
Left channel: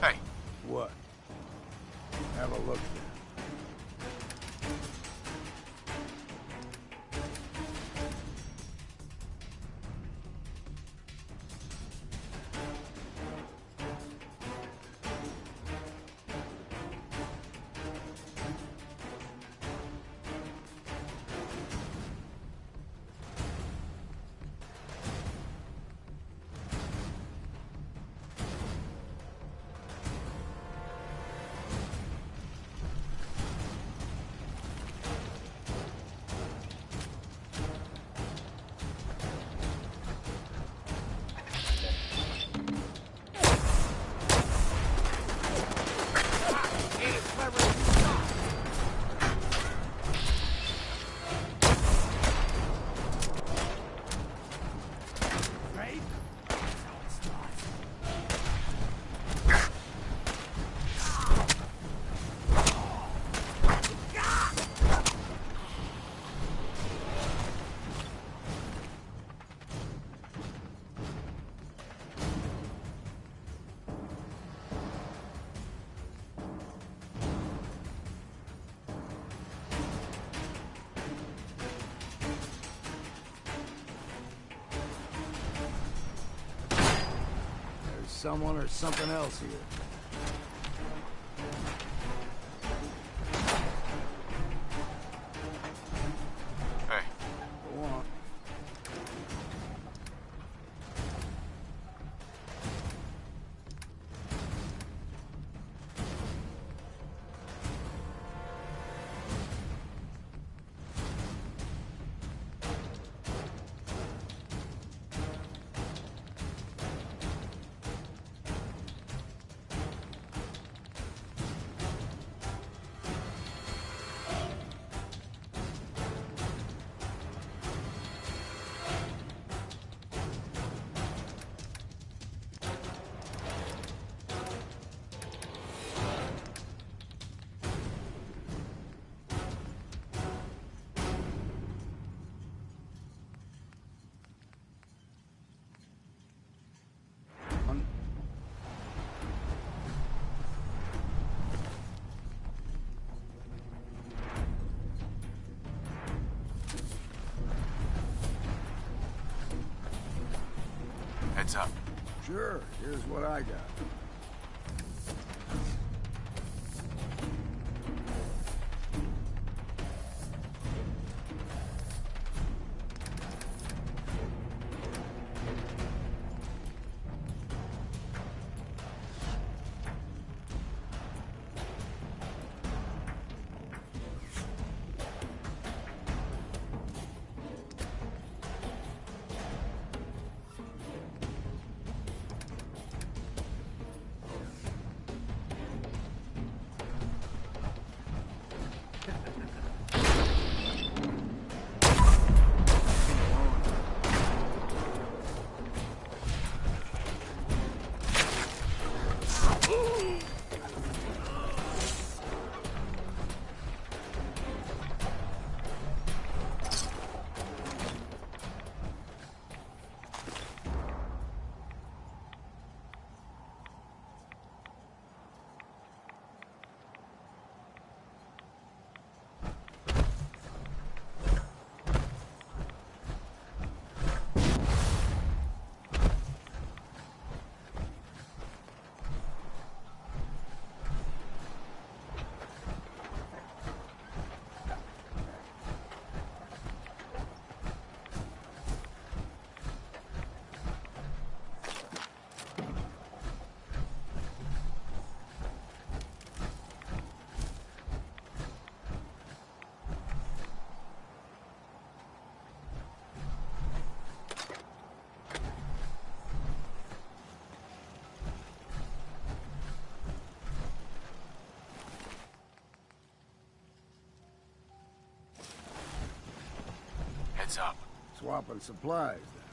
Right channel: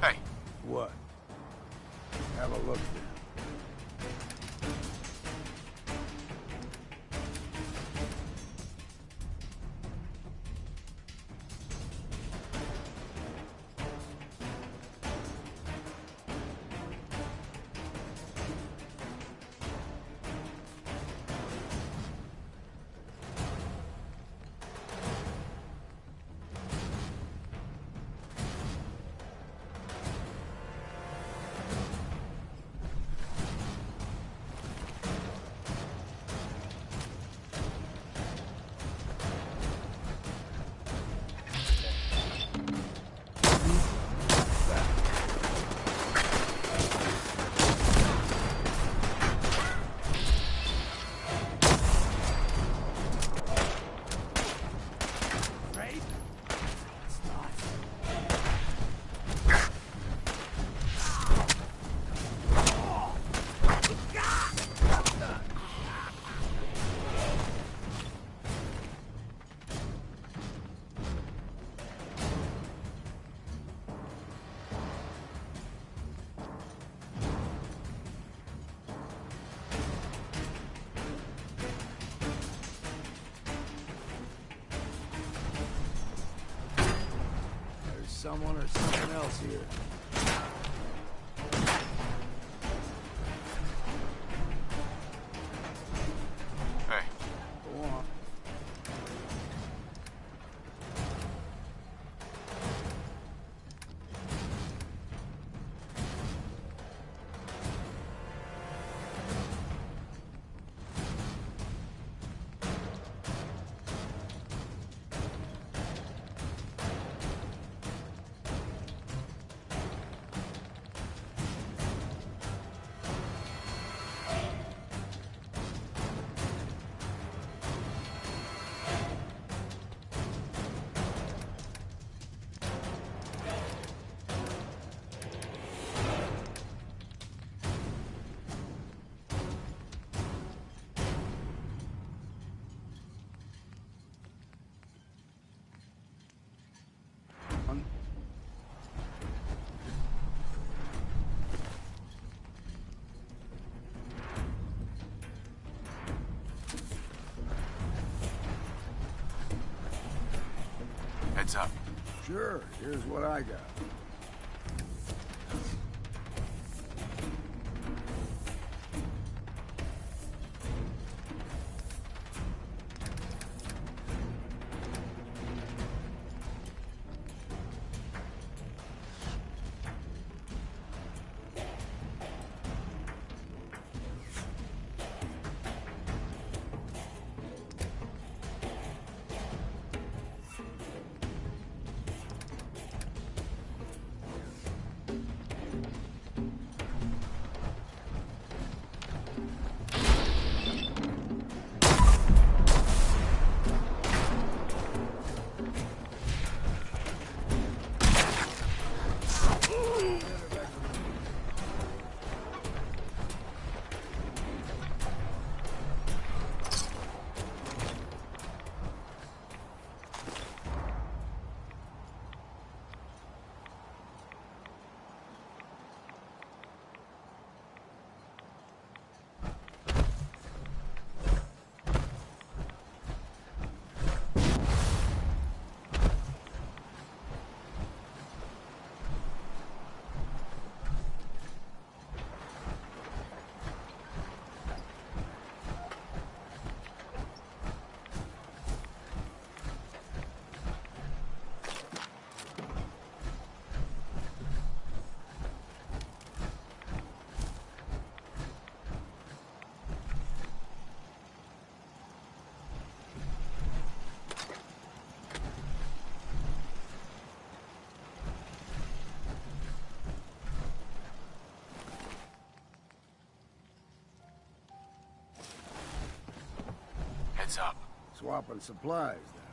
Hey. What? Have a look then. Someone or something else here. Hey. Go on. Heads up. Sure, here's what I got. Heads up. Swapping supplies, then.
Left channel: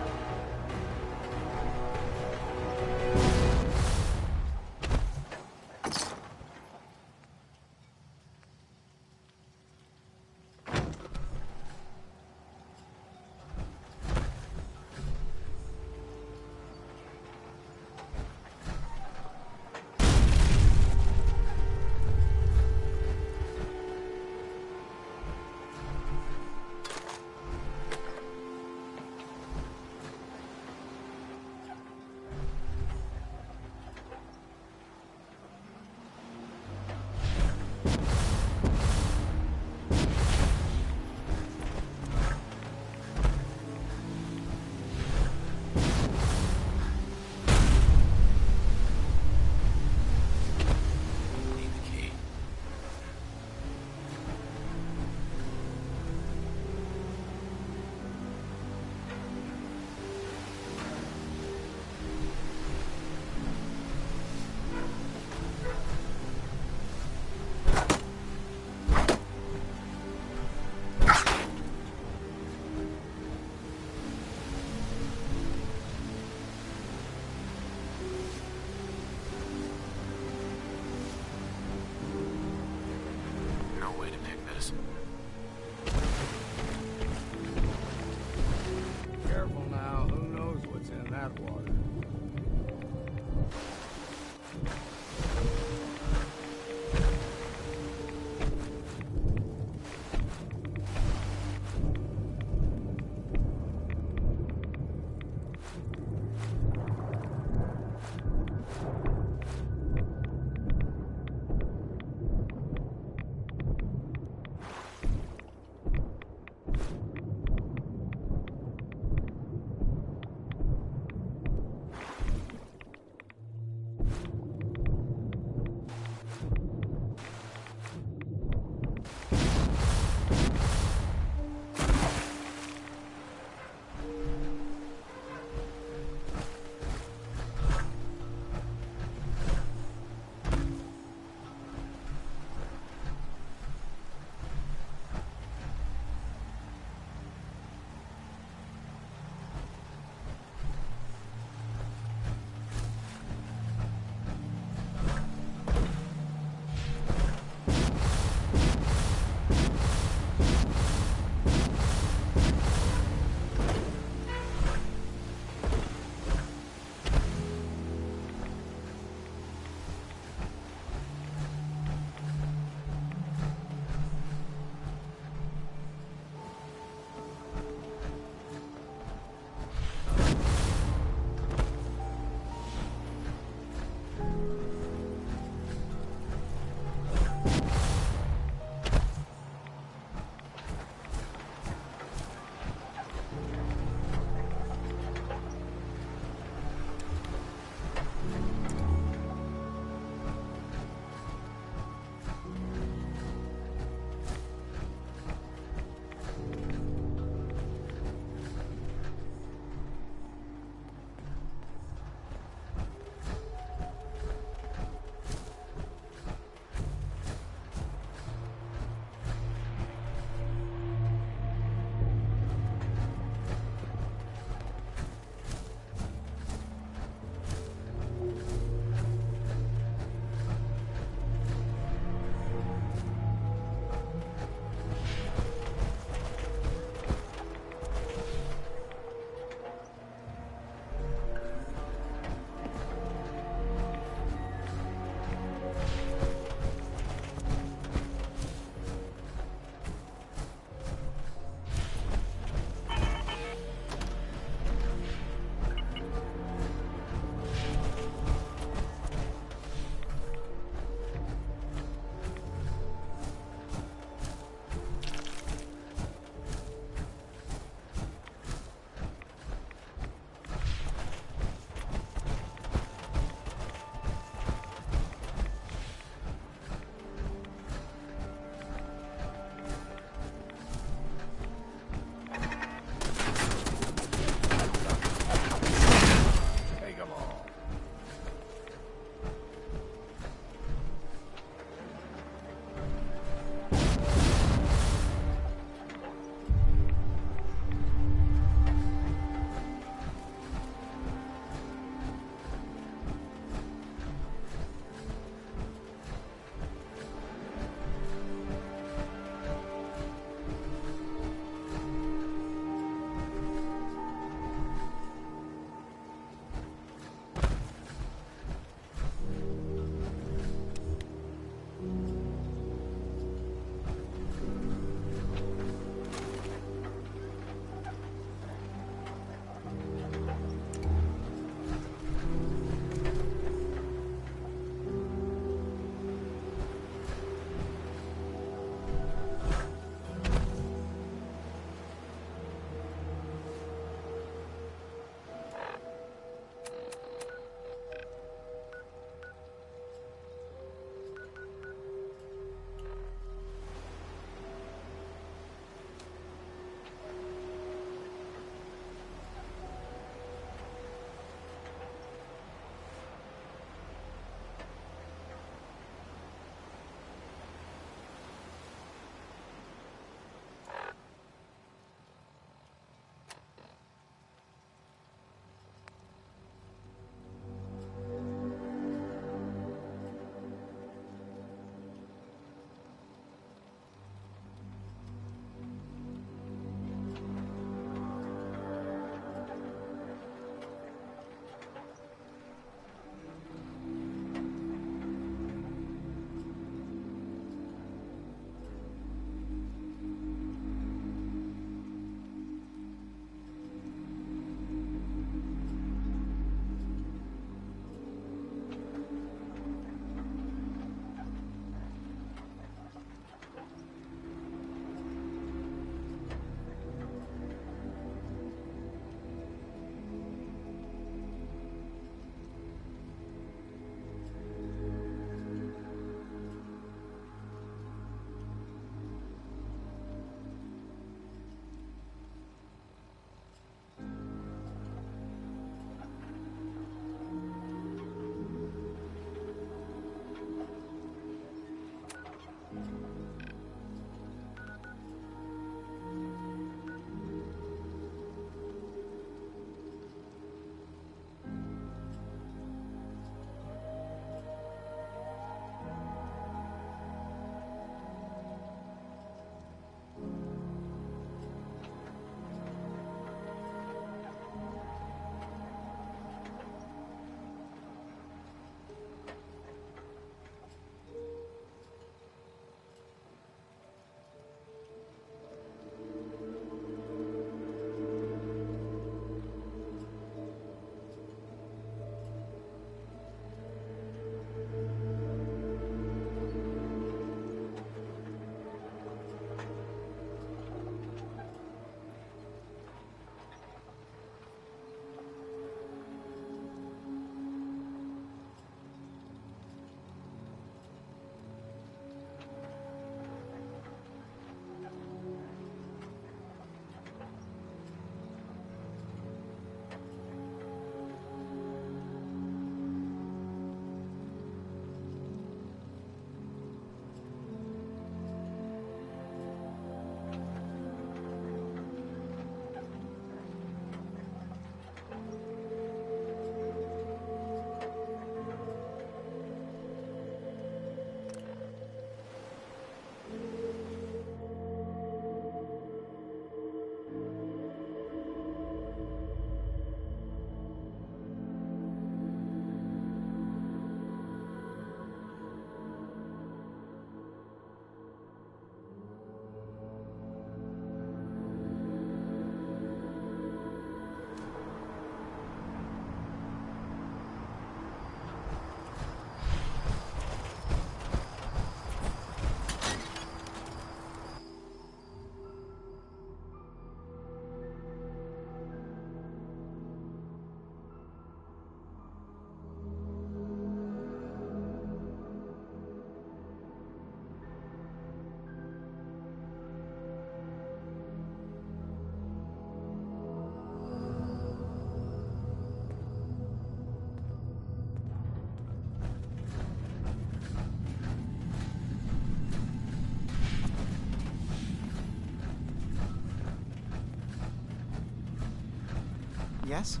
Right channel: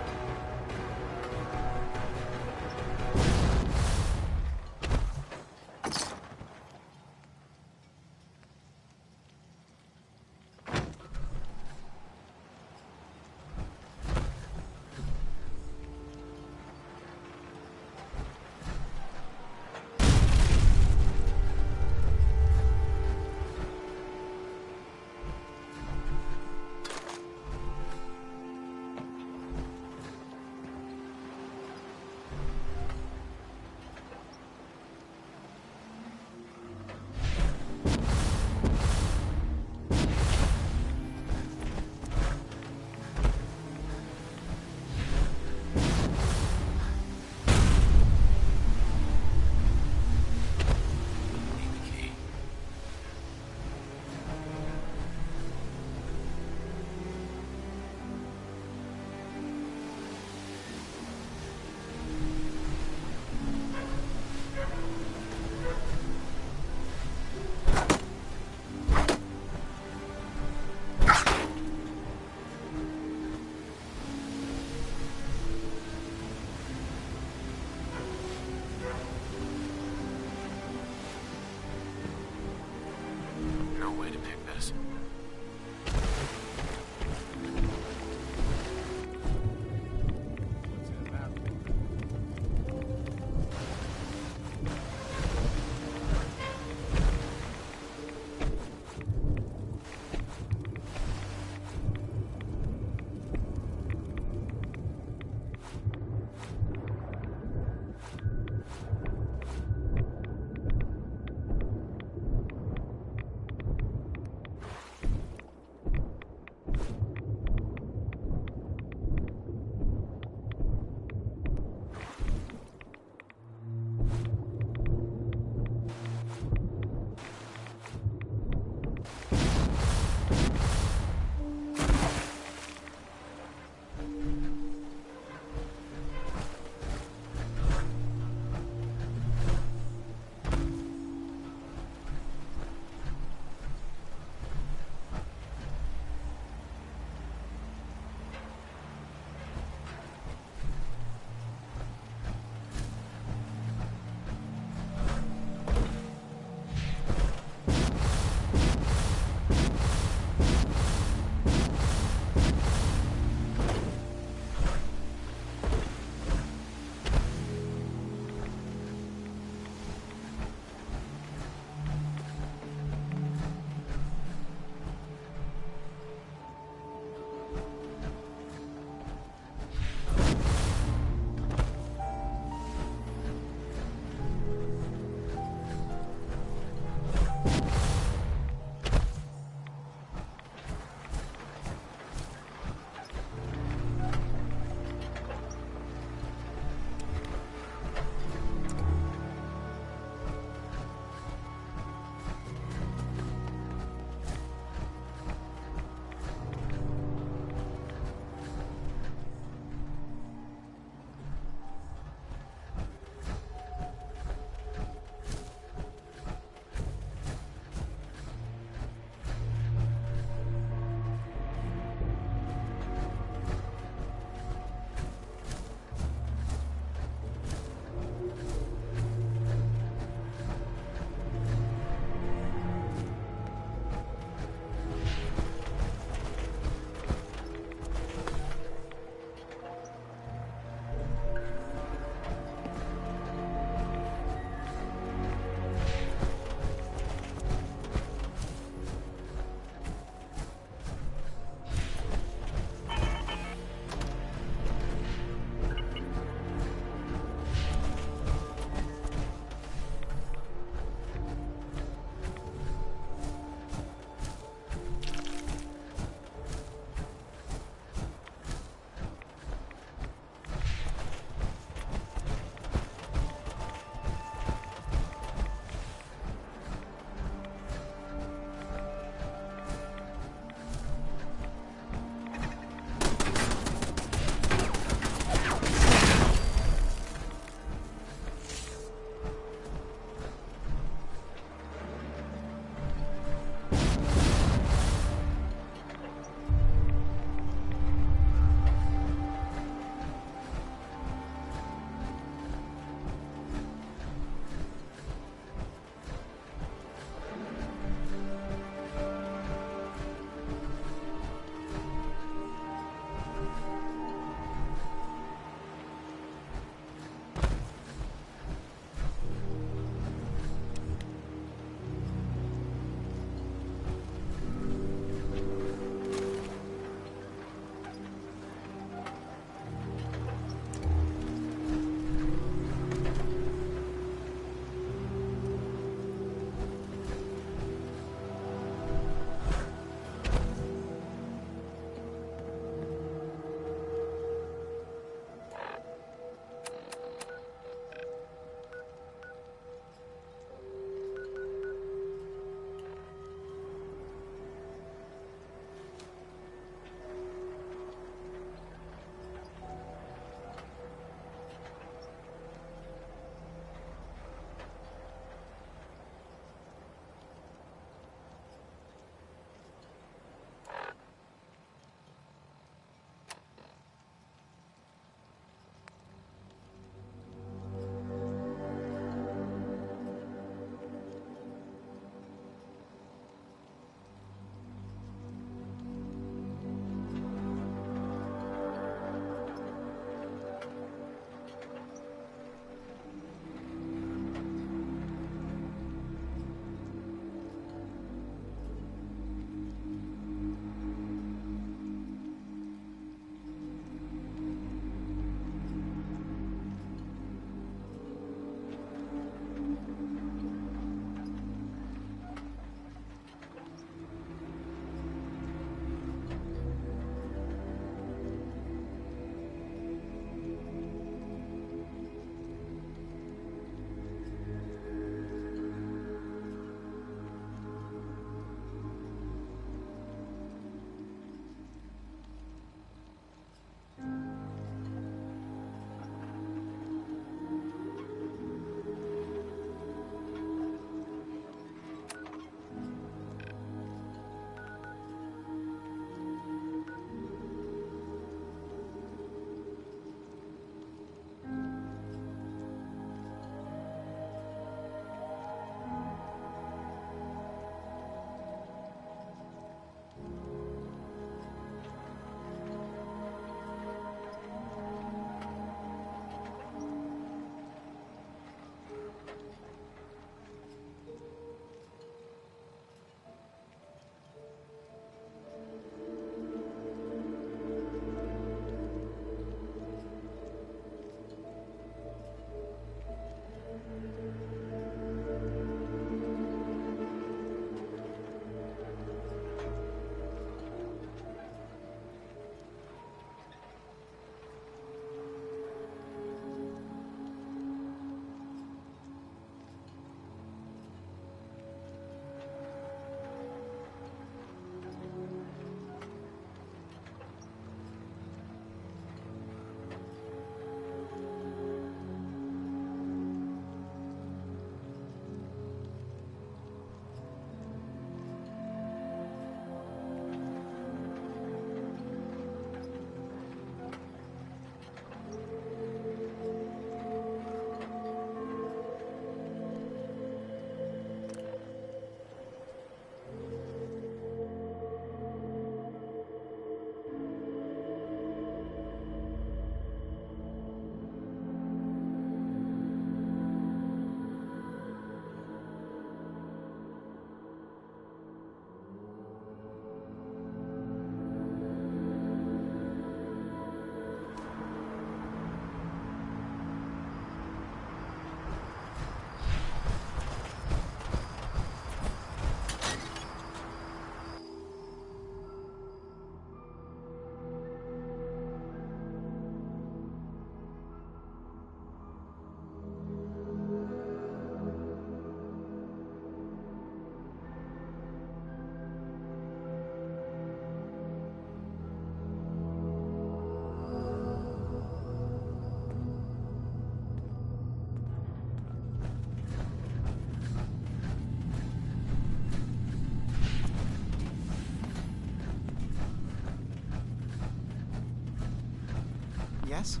Yes?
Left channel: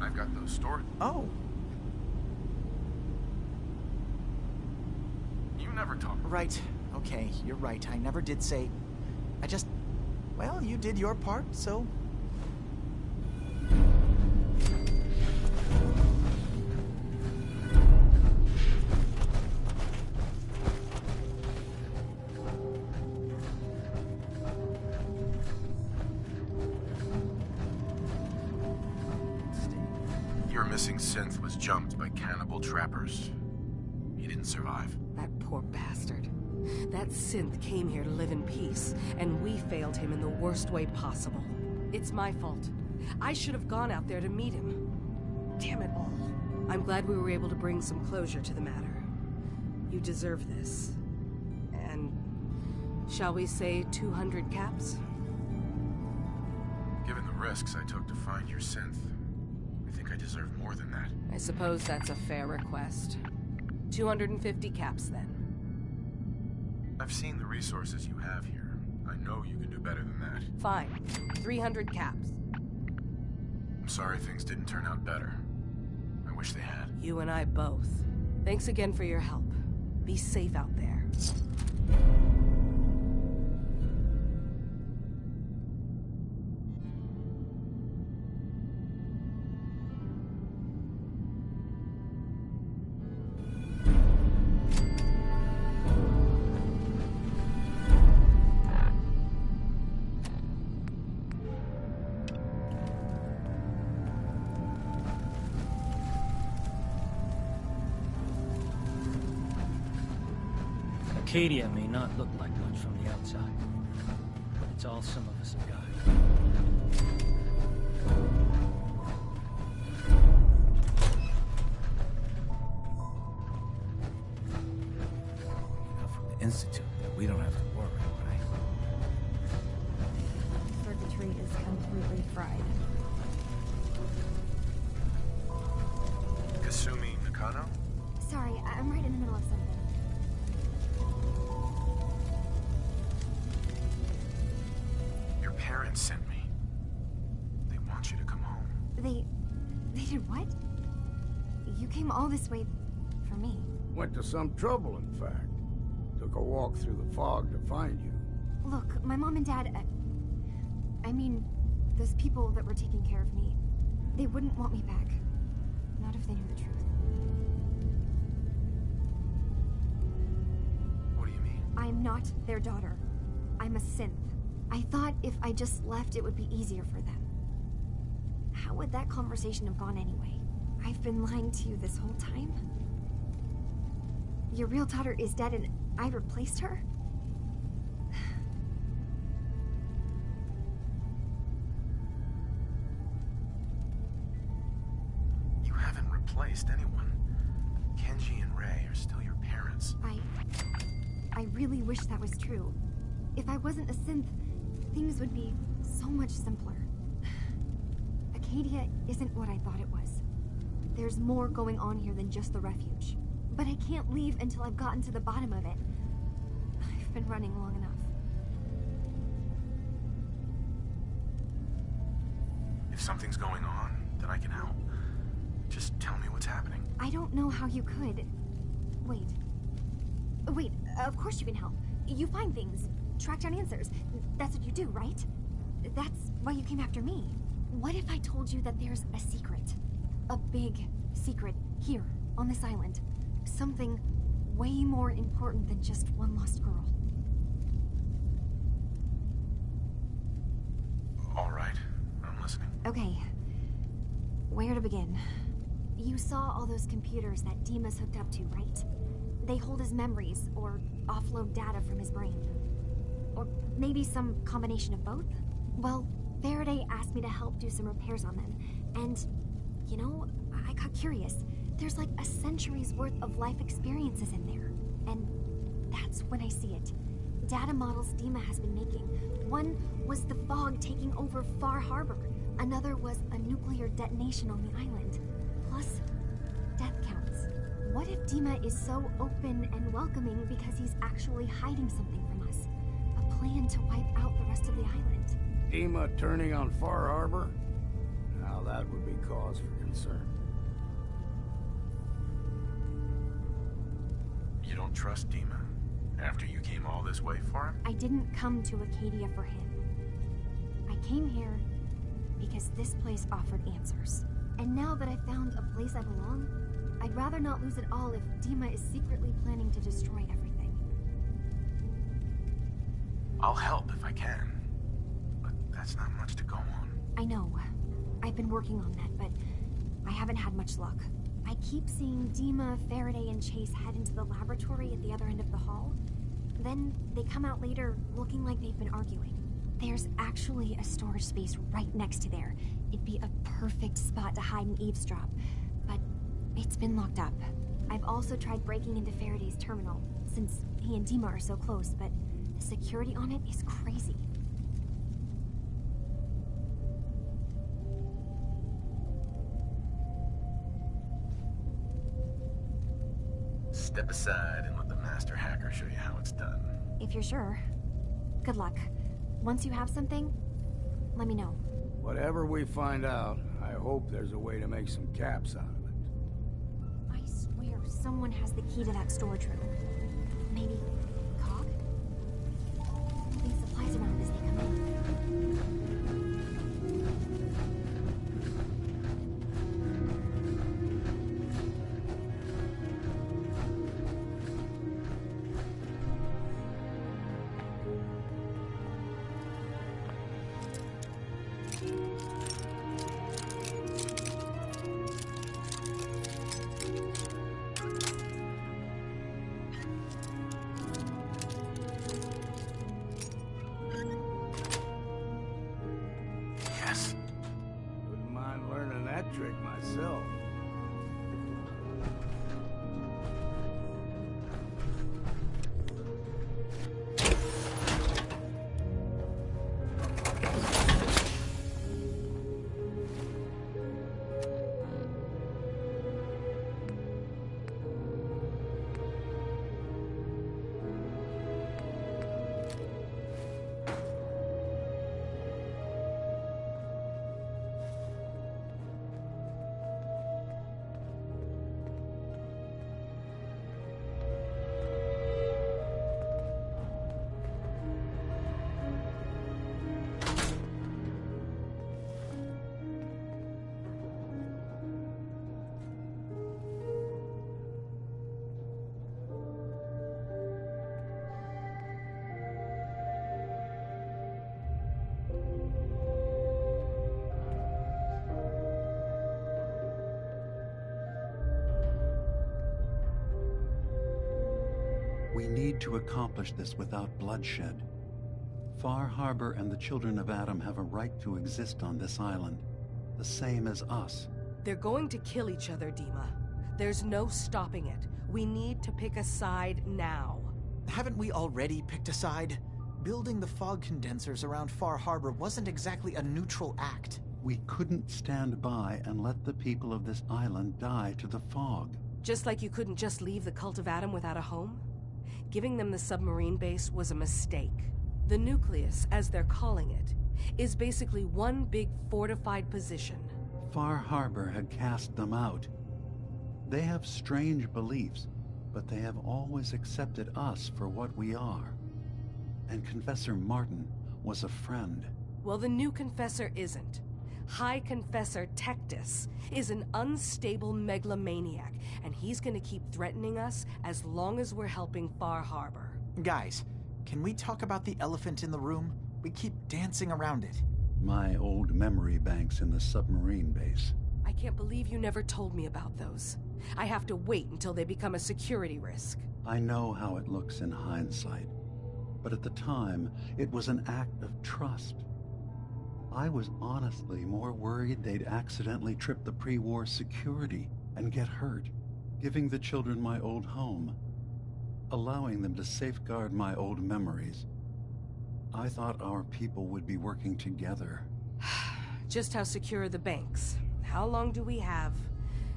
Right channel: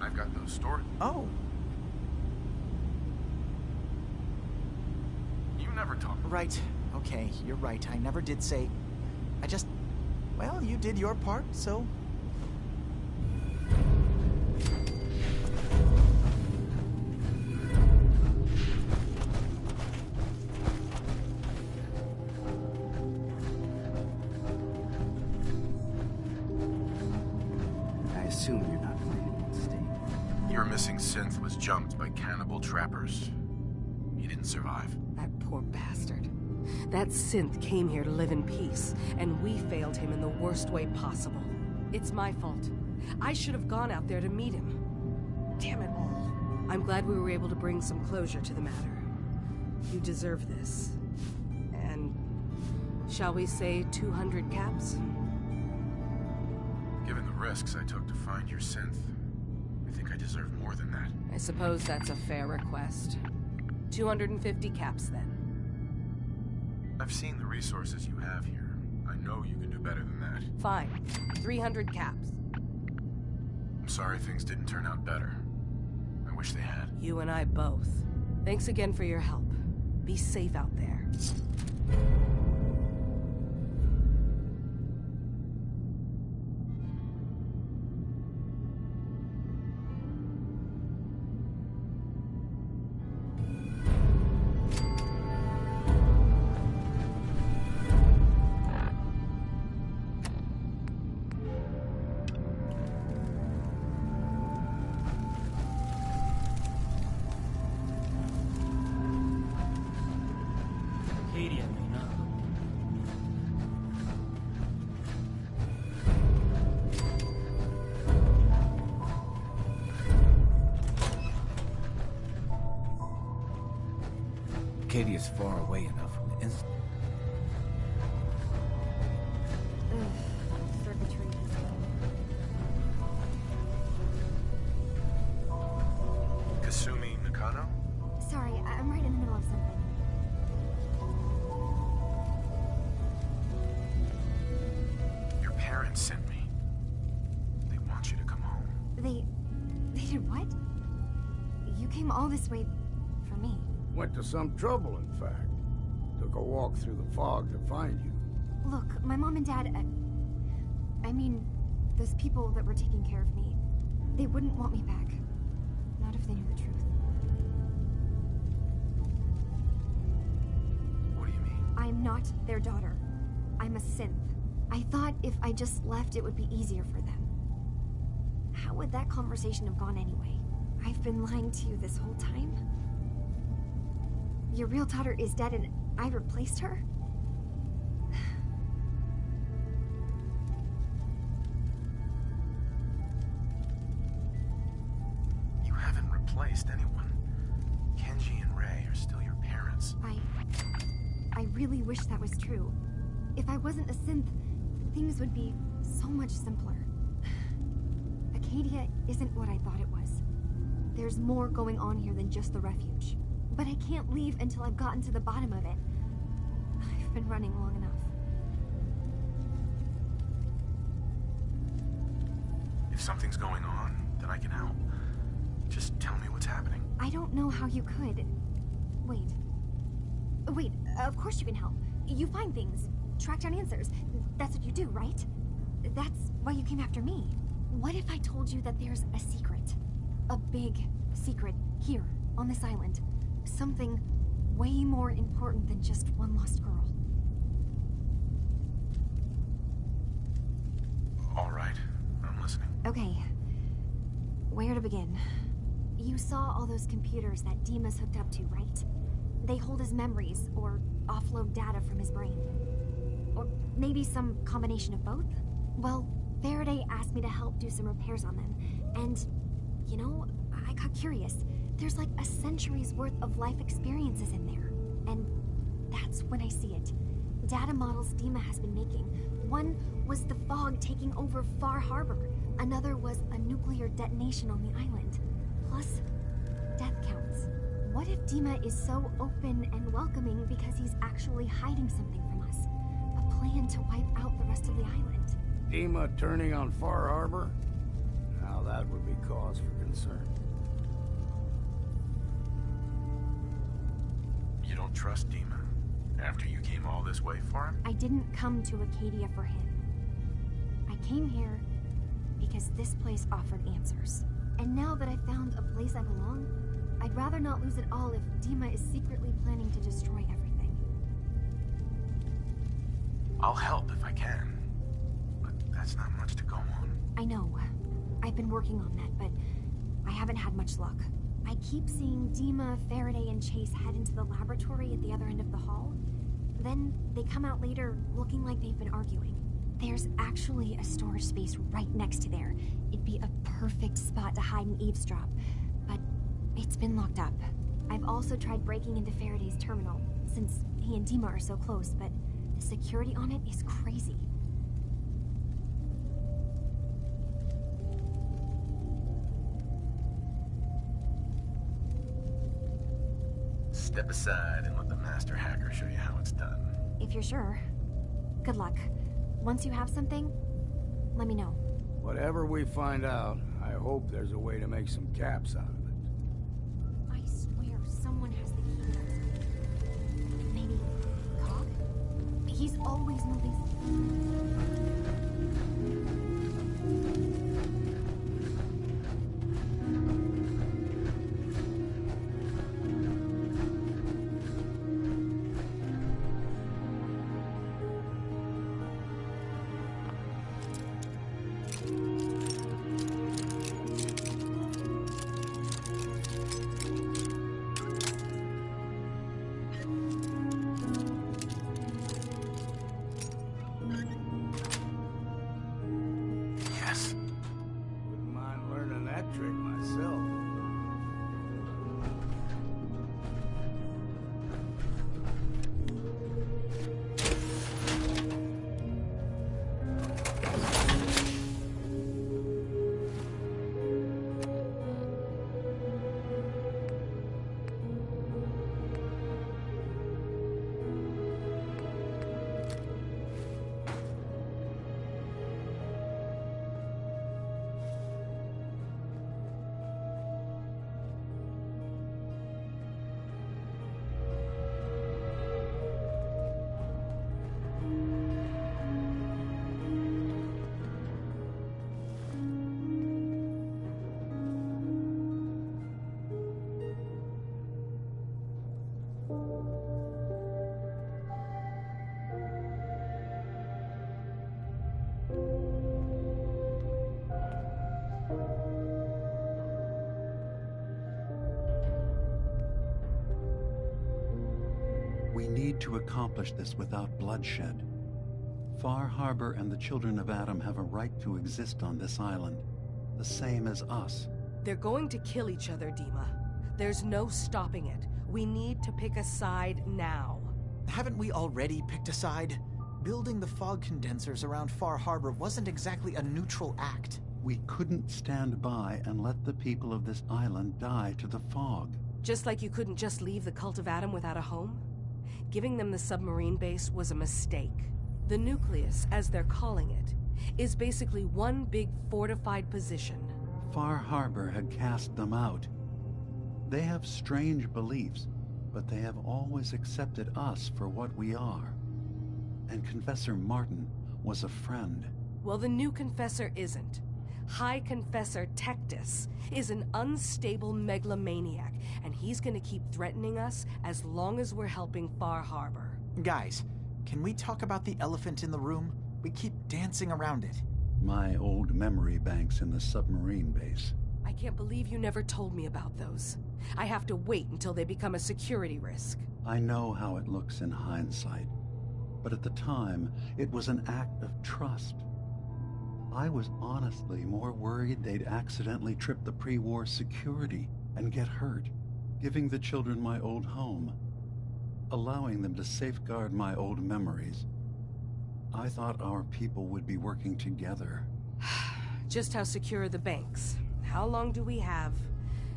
I've got those stored. Oh. You never talk. Right. Okay, you're right. I never did say... I just... Well, you did your part, so... I assume you're not planning on staying. Your missing synth was jumped by cannibal trappers. He didn't survive. That poor bastard. That synth came here to live in peace, and we failed him in the worst way possible. It's my fault. I should have gone out there to meet him. Damn it all. I'm glad we were able to bring some closure to the matter. You deserve this. And... shall we say 200 caps? Given the risks I took to find your synth, I think I deserve more than that. I suppose that's a fair request. 250 caps, then. I've seen the resources you have here. I know you can do better than that. Fine. 300 caps. I'm sorry things didn't turn out better. I wish they had. You and I both. Thanks again for your help. Be safe out there. Arcadia may not look like much from the outside. It's all some of us got. Arcadia's far away enough from the Institute that we don't have to worry, right? Circuitry is completely fried. Kasumi Nakano? Sorry, I'm right in the middle of something. Your parents sent me. They want you to come home. They did what? You came all this way for me. Went to some trouble, in fact. Took a walk through the fog to find you. Look, my mom and dad, I mean, those people that were taking care of me, they wouldn't want me back. Not if they knew the truth. What do you mean? I'm not their daughter. I'm a synth. I thought if I just left, it would be easier for them. How would that conversation have gone anyway? I've been lying to you this whole time? Your real daughter is dead and I replaced her? You haven't replaced anyone. Kenji and Ray are still your parents. I really wish that was true. If I wasn't a synth, things would be so much simpler. Acadia isn't what I thought it was. There's more going on here than just the refuge. But I can't leave until I've gotten to the bottom of it. I've been running long enough. If something's going on, then I can help. Just tell me what's happening. I don't know how you could. Wait. Wait, of course you can help. You find things, track down answers. That's what you do, right? That's why you came after me. What if I told you that there's a secret? A big secret here, on this island. Something way more important than just one lost girl. All right, I'm listening. Okay. Where to begin? You saw all those computers that Dima's hooked up to, right? They hold his memories, or offload data from his brain. Or maybe some combination of both? Well, Faraday asked me to help do some repairs on them, and, you know, I got curious. There's like a century's worth of life experiences in there. And that's when I see it. Data models Dima has been making. One was the fog taking over Far Harbor. Another was a nuclear detonation on the island. Plus, death counts. What if Dima is so open and welcoming because he's actually hiding something from us? A plan to wipe out the rest of the island. Dima turning on Far Harbor? Now that would be cause for concern. You don't trust Dima? After you came all this way for him? I didn't come to Acadia for him. I came here because this place offered answers. And now that I've found a place I belong, I'd rather not lose it all if Dima is secretly planning to destroy everything. I'll help if I can. But that's not much to go on. I know. I've been working on that, but I haven't had much luck. I keep seeing Dima, Faraday, and Chase head into the laboratory at the other end of the hall. Then they come out later looking like they've been arguing. There's actually a storage space right next to there. It'd be a perfect spot to hide and eavesdrop, but it's been locked up. I've also tried breaking into Faraday's terminal, since he and Dima are so close, but the security on it is crazy. Step aside and let the master hacker show you how it's done. If you're sure. Good luck. Once you have something, let me know. Whatever we find out, I hope there's a way to make some caps out of it. I swear someone has the key to that storage room. Maybe Cog? He's always moving supplies around his hand. Wouldn't mind learning that trick myself. We need to accomplish this without bloodshed. Far Harbor and the children of Adam have a right to exist on this island, the same as us. They're going to kill each other, Dima. There's no stopping it. We need to pick a side now. Haven't we already picked a side? Building the fog condensers around Far Harbor wasn't exactly a neutral act. We couldn't stand by and let the people of this island die to the fog. Just like you couldn't just leave the Cult of Adam without a home? Giving them the submarine base was a mistake. The nucleus, as they're calling it, is basically one big fortified position. Far Harbor had cast them out. They have strange beliefs, but they have always accepted us for what we are. And Confessor Martin was a friend. Well, the new Confessor isn't. High Confessor Tectus is an unstable megalomaniac, and he's gonna keep threatening us as long as we're helping Far Harbor. Guys, can we talk about the elephant in the room? We keep dancing around it. My old memory banks in the submarine base. I can't believe you never told me about those. I have to wait until they become a security risk. I know how it looks in hindsight, but at the time, it was an act of trust. I was honestly more worried they'd accidentally trip the pre-war security and get hurt, giving the children my old home, allowing them to safeguard my old memories. I thought our people would be working together. Just how secure are the banks? How long do we have?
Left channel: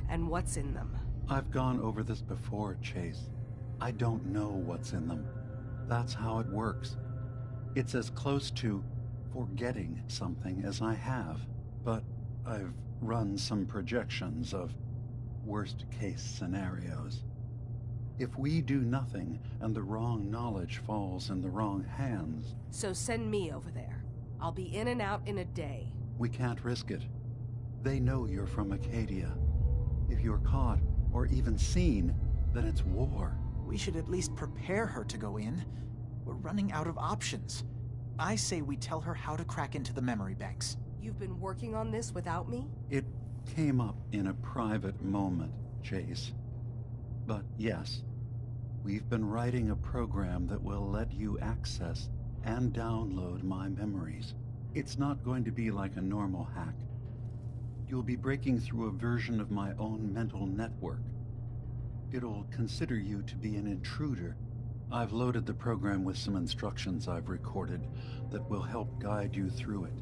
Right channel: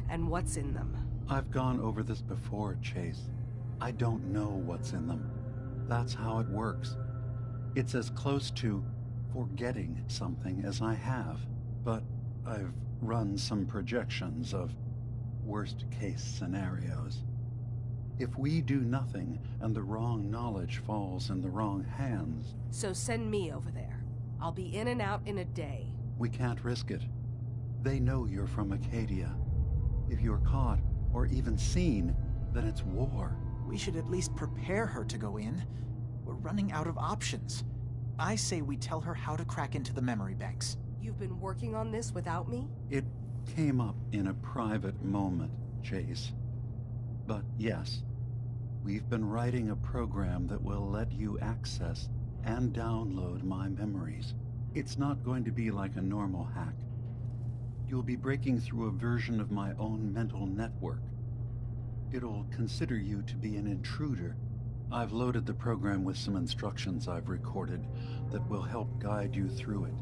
And what's in them? I've gone over this before, Chase. I don't know what's in them. That's how it works. It's as close to forgetting something as I have, but I've run some projections of worst-case scenarios. If we do nothing and the wrong knowledge falls in the wrong hands... So send me over there. I'll be in and out in a day. We can't risk it. They know you're from Acadia. If you're caught, or even seen, then it's war. We should at least prepare her to go in. We're running out of options. I say we tell her how to crack into the memory banks. You've been working on this without me? It came up in a private moment, Chase. But yes, we've been writing a program that will let you access and download my memories. It's not going to be like a normal hack. You'll be breaking through a version of my own mental network. It'll consider you to be an intruder. I've loaded the program with some instructions I've recorded that will help guide you through it.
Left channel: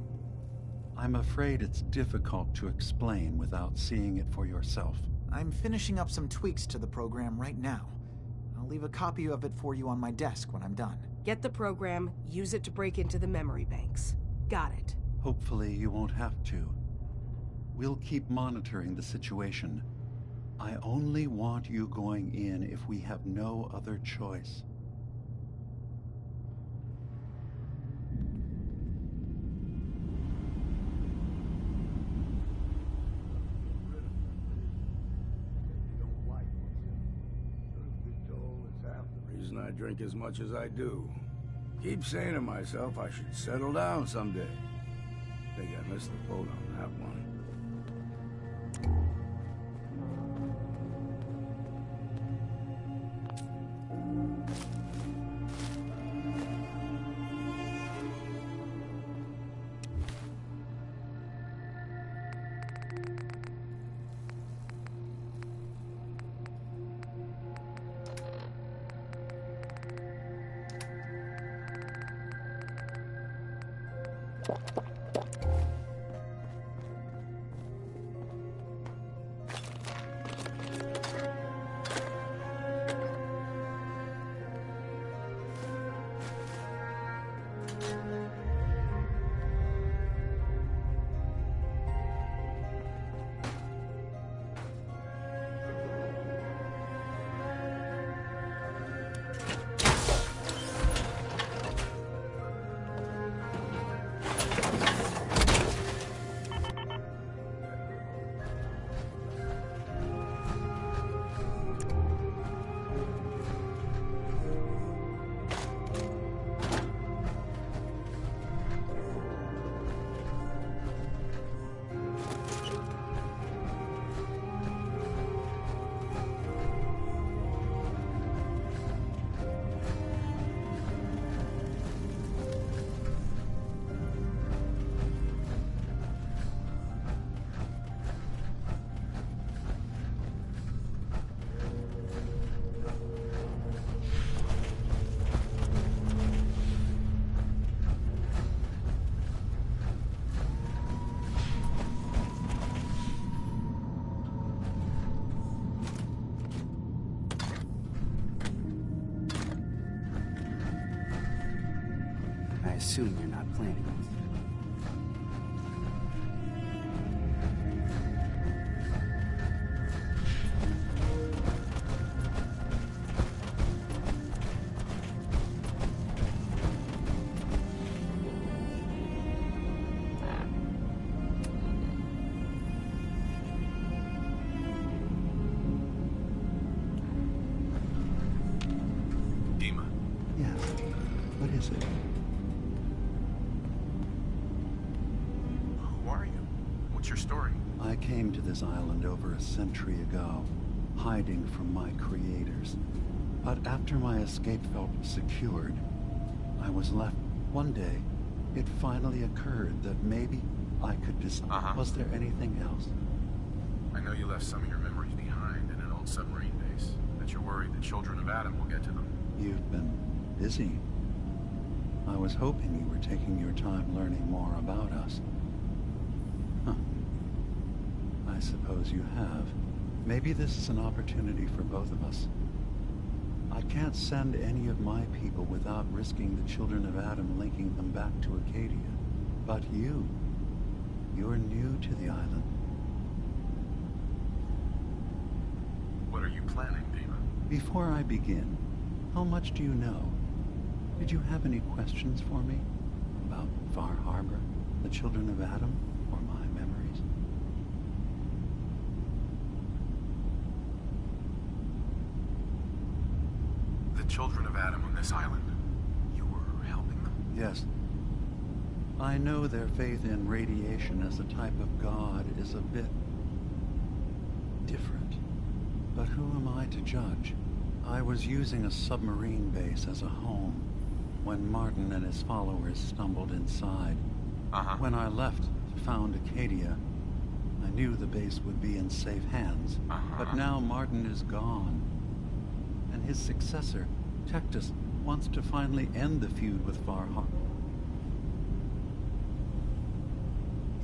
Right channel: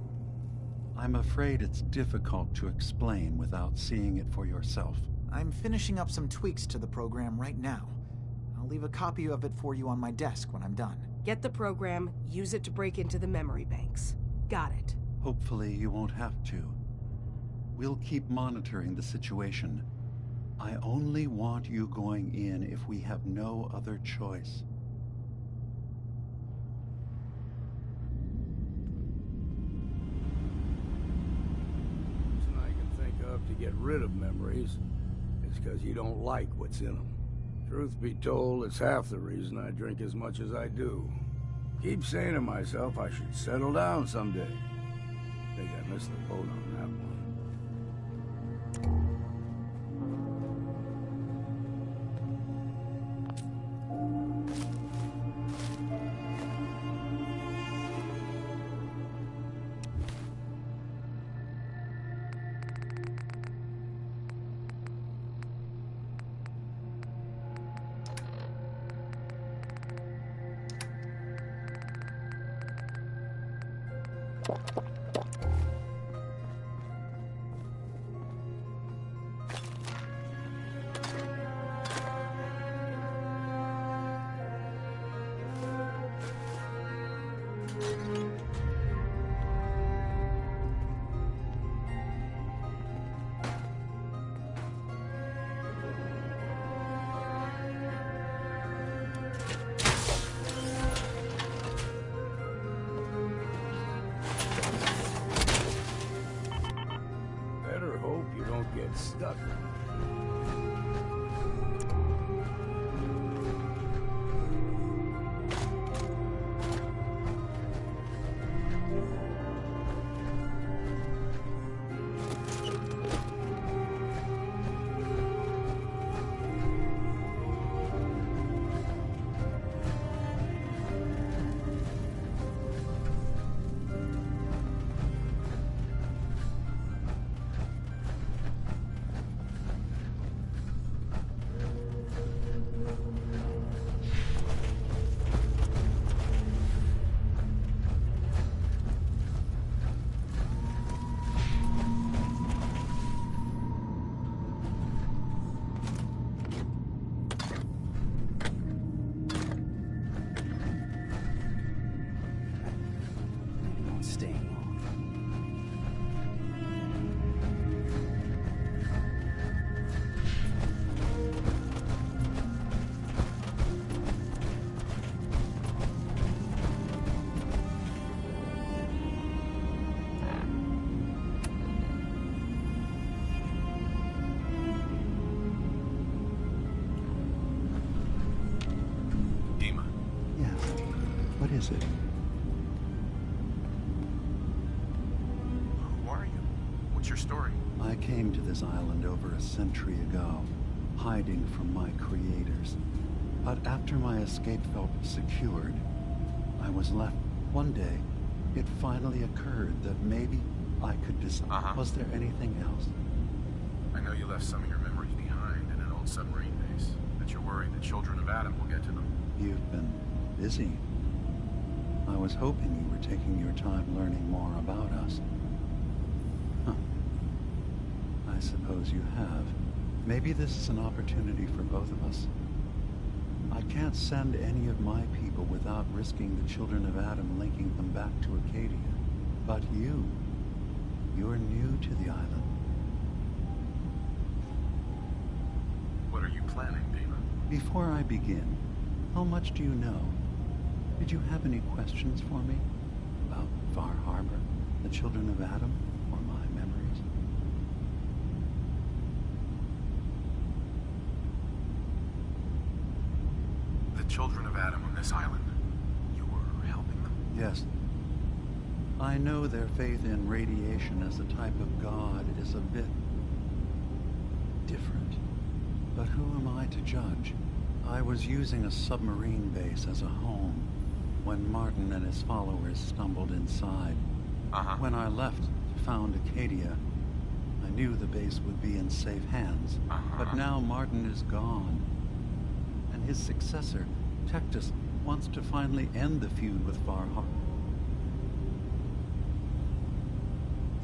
I'm afraid it's difficult to explain without seeing it for yourself. I'm finishing up some tweaks to the program right now. I'll leave a copy of it for you on my desk when I'm done. Get the program, use it to break into the memory banks. Got it. Hopefully you won't have to. We'll keep monitoring the situation. I only want you going in if we have no other choice. I can think of to get rid of memories is because you don't like what's in them. Truth be told, it's half the reason I drink as much as I do. Keep saying to myself I should settle down someday. Think I missed the boat on that one. assume you're not planning on staying long. What is it? Who are you? What's your story? I came to this island over a century ago, hiding from my creators. But after my escape felt secured, I was left. One day, it finally occurred that maybe I could decide. Was there anything else? I know you left some of your memories behind in an old submarine base. That you're worried the children of Adam will get to them. You've been busy. I was hoping you were taking your time learning more about us. Huh. I suppose you have. Maybe this is an opportunity for both of us. I can't send any of my people without risking the children of Adam linking them back to Acadia. But you're new to the island. What are you planning, Dima? Before I begin, how much do you know? Did you have any questions for me? About Far Harbor, the children of Adam, or my memories? The children of Adam on this island. You were helping them? Yes. I know their faith in radiation as a type of god is a bit different. But who am I to judge? I was using a submarine base as a home when Martin and his followers stumbled inside. When I left to found Acadia, I knew the base would be in safe hands. But now Martin is gone. And his successor, Tectus, wants to finally end the feud with Far Harbor.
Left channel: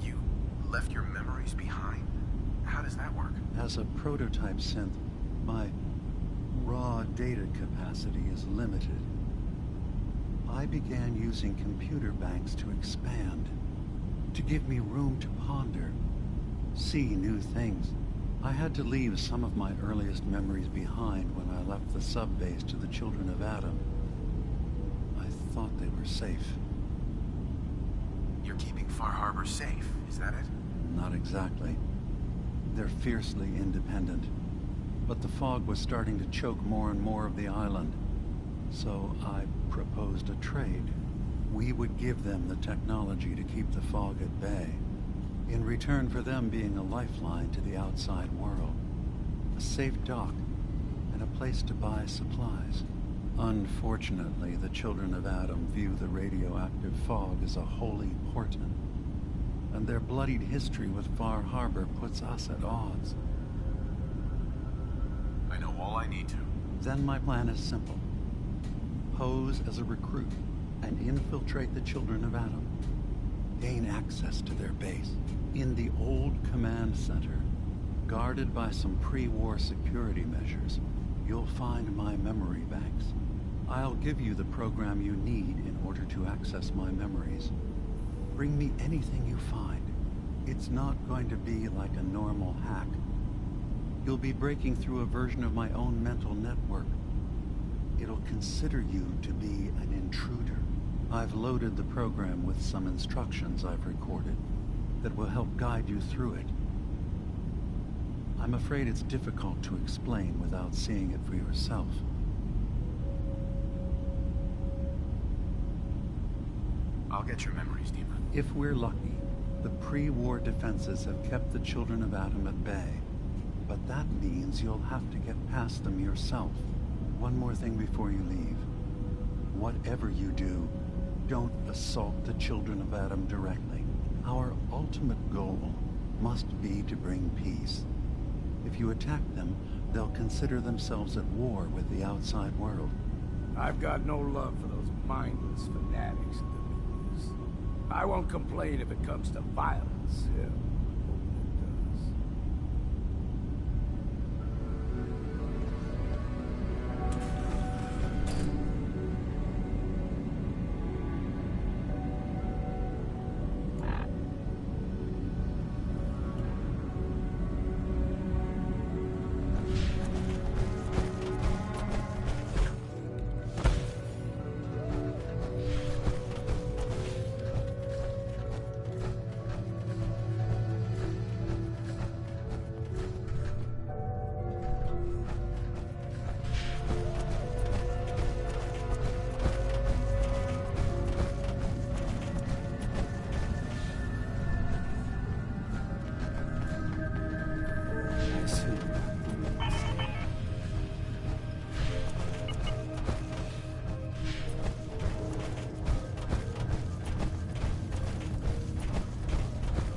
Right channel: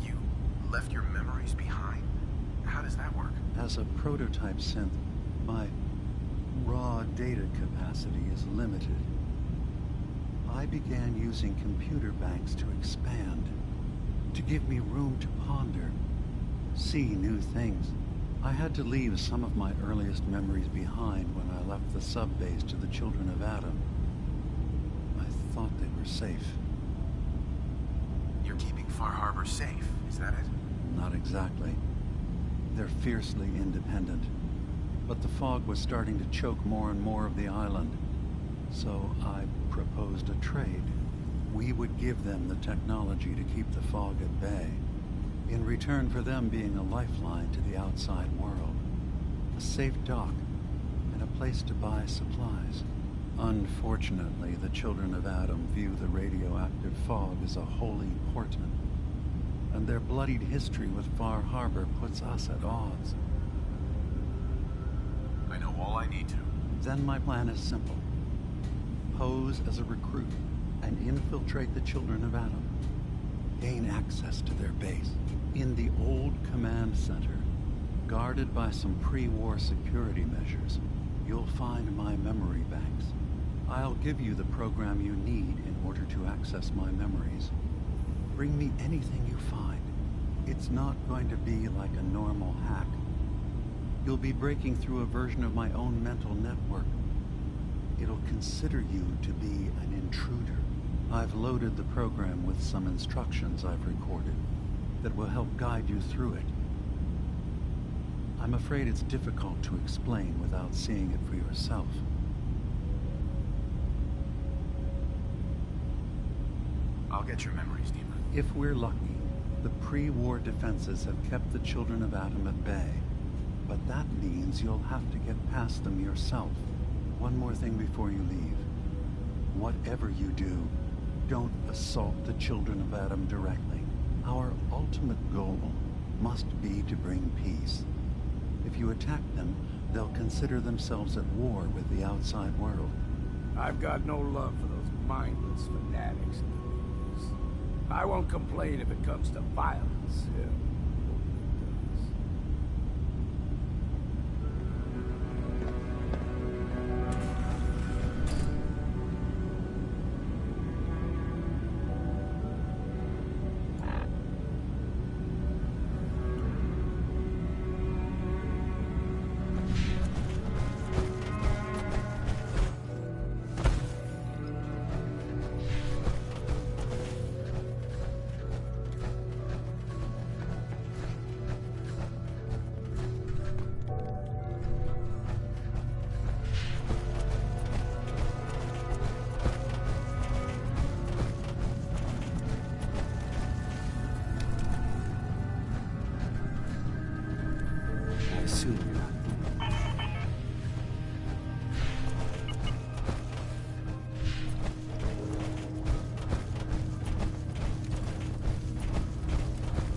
You left your memories behind? How does that work? As a prototype synth, my raw data capacity is limited. I began using computer banks to expand, to give me room to ponder, see new things. I had to leave some of my earliest memories behind when I left the sub-base to the children of Adam. I thought they were safe. You're keeping Far Harbor safe, is that it? Not exactly. They're fiercely independent. But the fog was starting to choke more and more of the island. So I proposed a trade. We would give them the technology to keep the fog at bay, in return for them being a lifeline to the outside world, a safe dock, and a place to buy supplies. Unfortunately, the children of Adam view the radioactive fog as a holy portent, and their bloodied history with Far Harbor puts us at odds. I know all I need to. Then my plan is simple. Pose as a recruit and infiltrate the children of Adam. Gain access to their base in the old command center, guarded by some pre-war security measures. You'll find my memory banks. I'll give you the program you need in order to access my memories. Bring me anything you find. It's not going to be like a normal hack. You'll be breaking through a version of my own mental network. It'll consider you to be an intruder. I've loaded the program with some instructions I've recorded that will help guide you through it. I'm afraid it's difficult to explain without seeing it for yourself. I'll get your memories, Dima. If we're lucky, the pre-war defenses have kept the children of Adam at bay. But that means you'll have to get past them yourself. One more thing before you leave. Whatever you do, don't assault the children of Adam directly. Our ultimate goal must be to bring peace. If you attack them, they'll consider themselves at war with the outside world. I've got no love for those mindless fanatics of the news. I won't complain if it comes to violence. Yeah.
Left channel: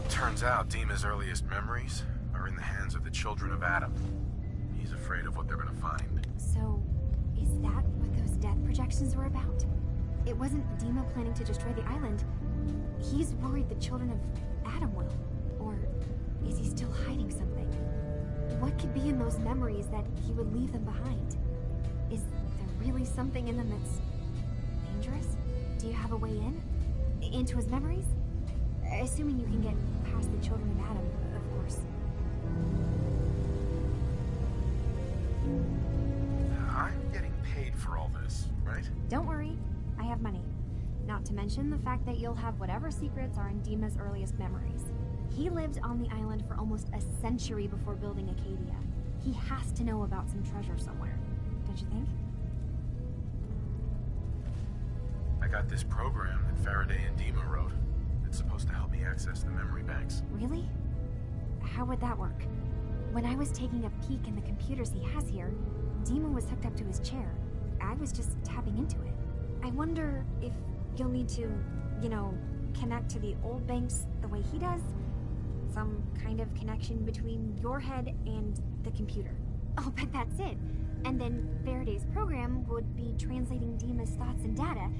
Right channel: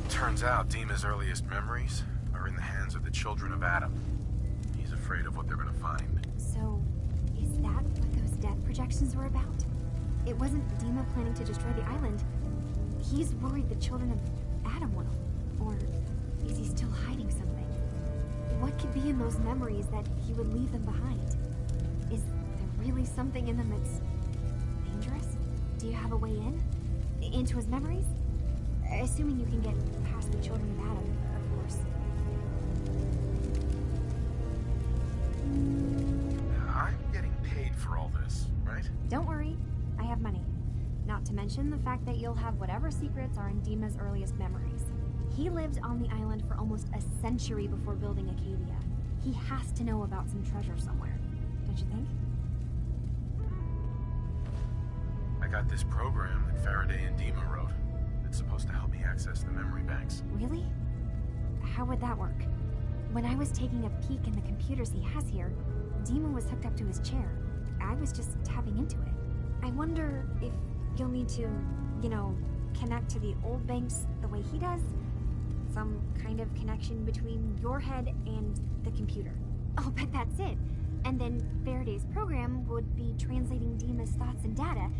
Turns out Dima's earliest memories are in the hands of the children of Adam. He's afraid of what they're gonna find. So, is that what those death projections were about? It wasn't Dima planning to destroy the island. He's worried the children of Adam will. Or is he still hiding something? What could be in those memories that he would leave them behind? Is there really something in them that's dangerous? Do you have a way in? Into his memories? Assuming you can get past the children of Adam, of course. I'm getting paid for all this, right? Don't worry, I have money. Not to mention the fact that you'll have whatever secrets are in Dima's earliest memories. He lived on the island for almost a century before building Acadia. He has to know about some treasure somewhere, don't you think? I got this program that Faraday and Dima wrote. It's supposed to help me access the memory banks. Really? How would that work? When I was taking a peek in the computers he has here, Dima was hooked up to his chair. I was just tapping into it. I wonder if you'll need to, you know, connect to the old banks the way he does? Some kind of connection between your head and the computer. Oh, but that's it. And then Faraday's program would be translating Dima's thoughts and data,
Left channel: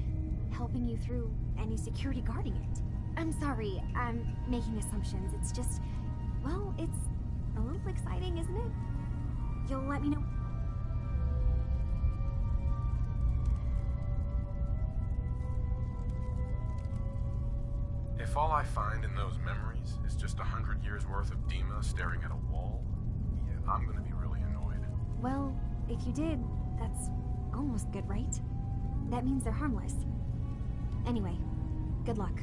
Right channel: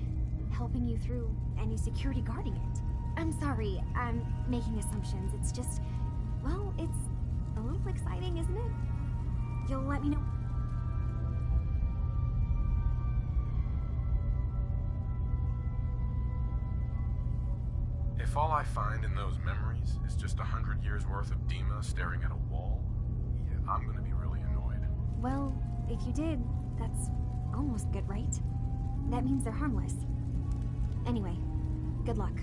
helping you through any security guarding it. I'm sorry, I'm making assumptions. It's just, well, it's a little exciting, isn't it? You'll let me know. If all I find in those memories is just 100 years worth of Dima staring at a wall, yeah, I'm gonna be really annoyed. Well, if you did, that's almost good, right? That means they're harmless. Anyway, good luck.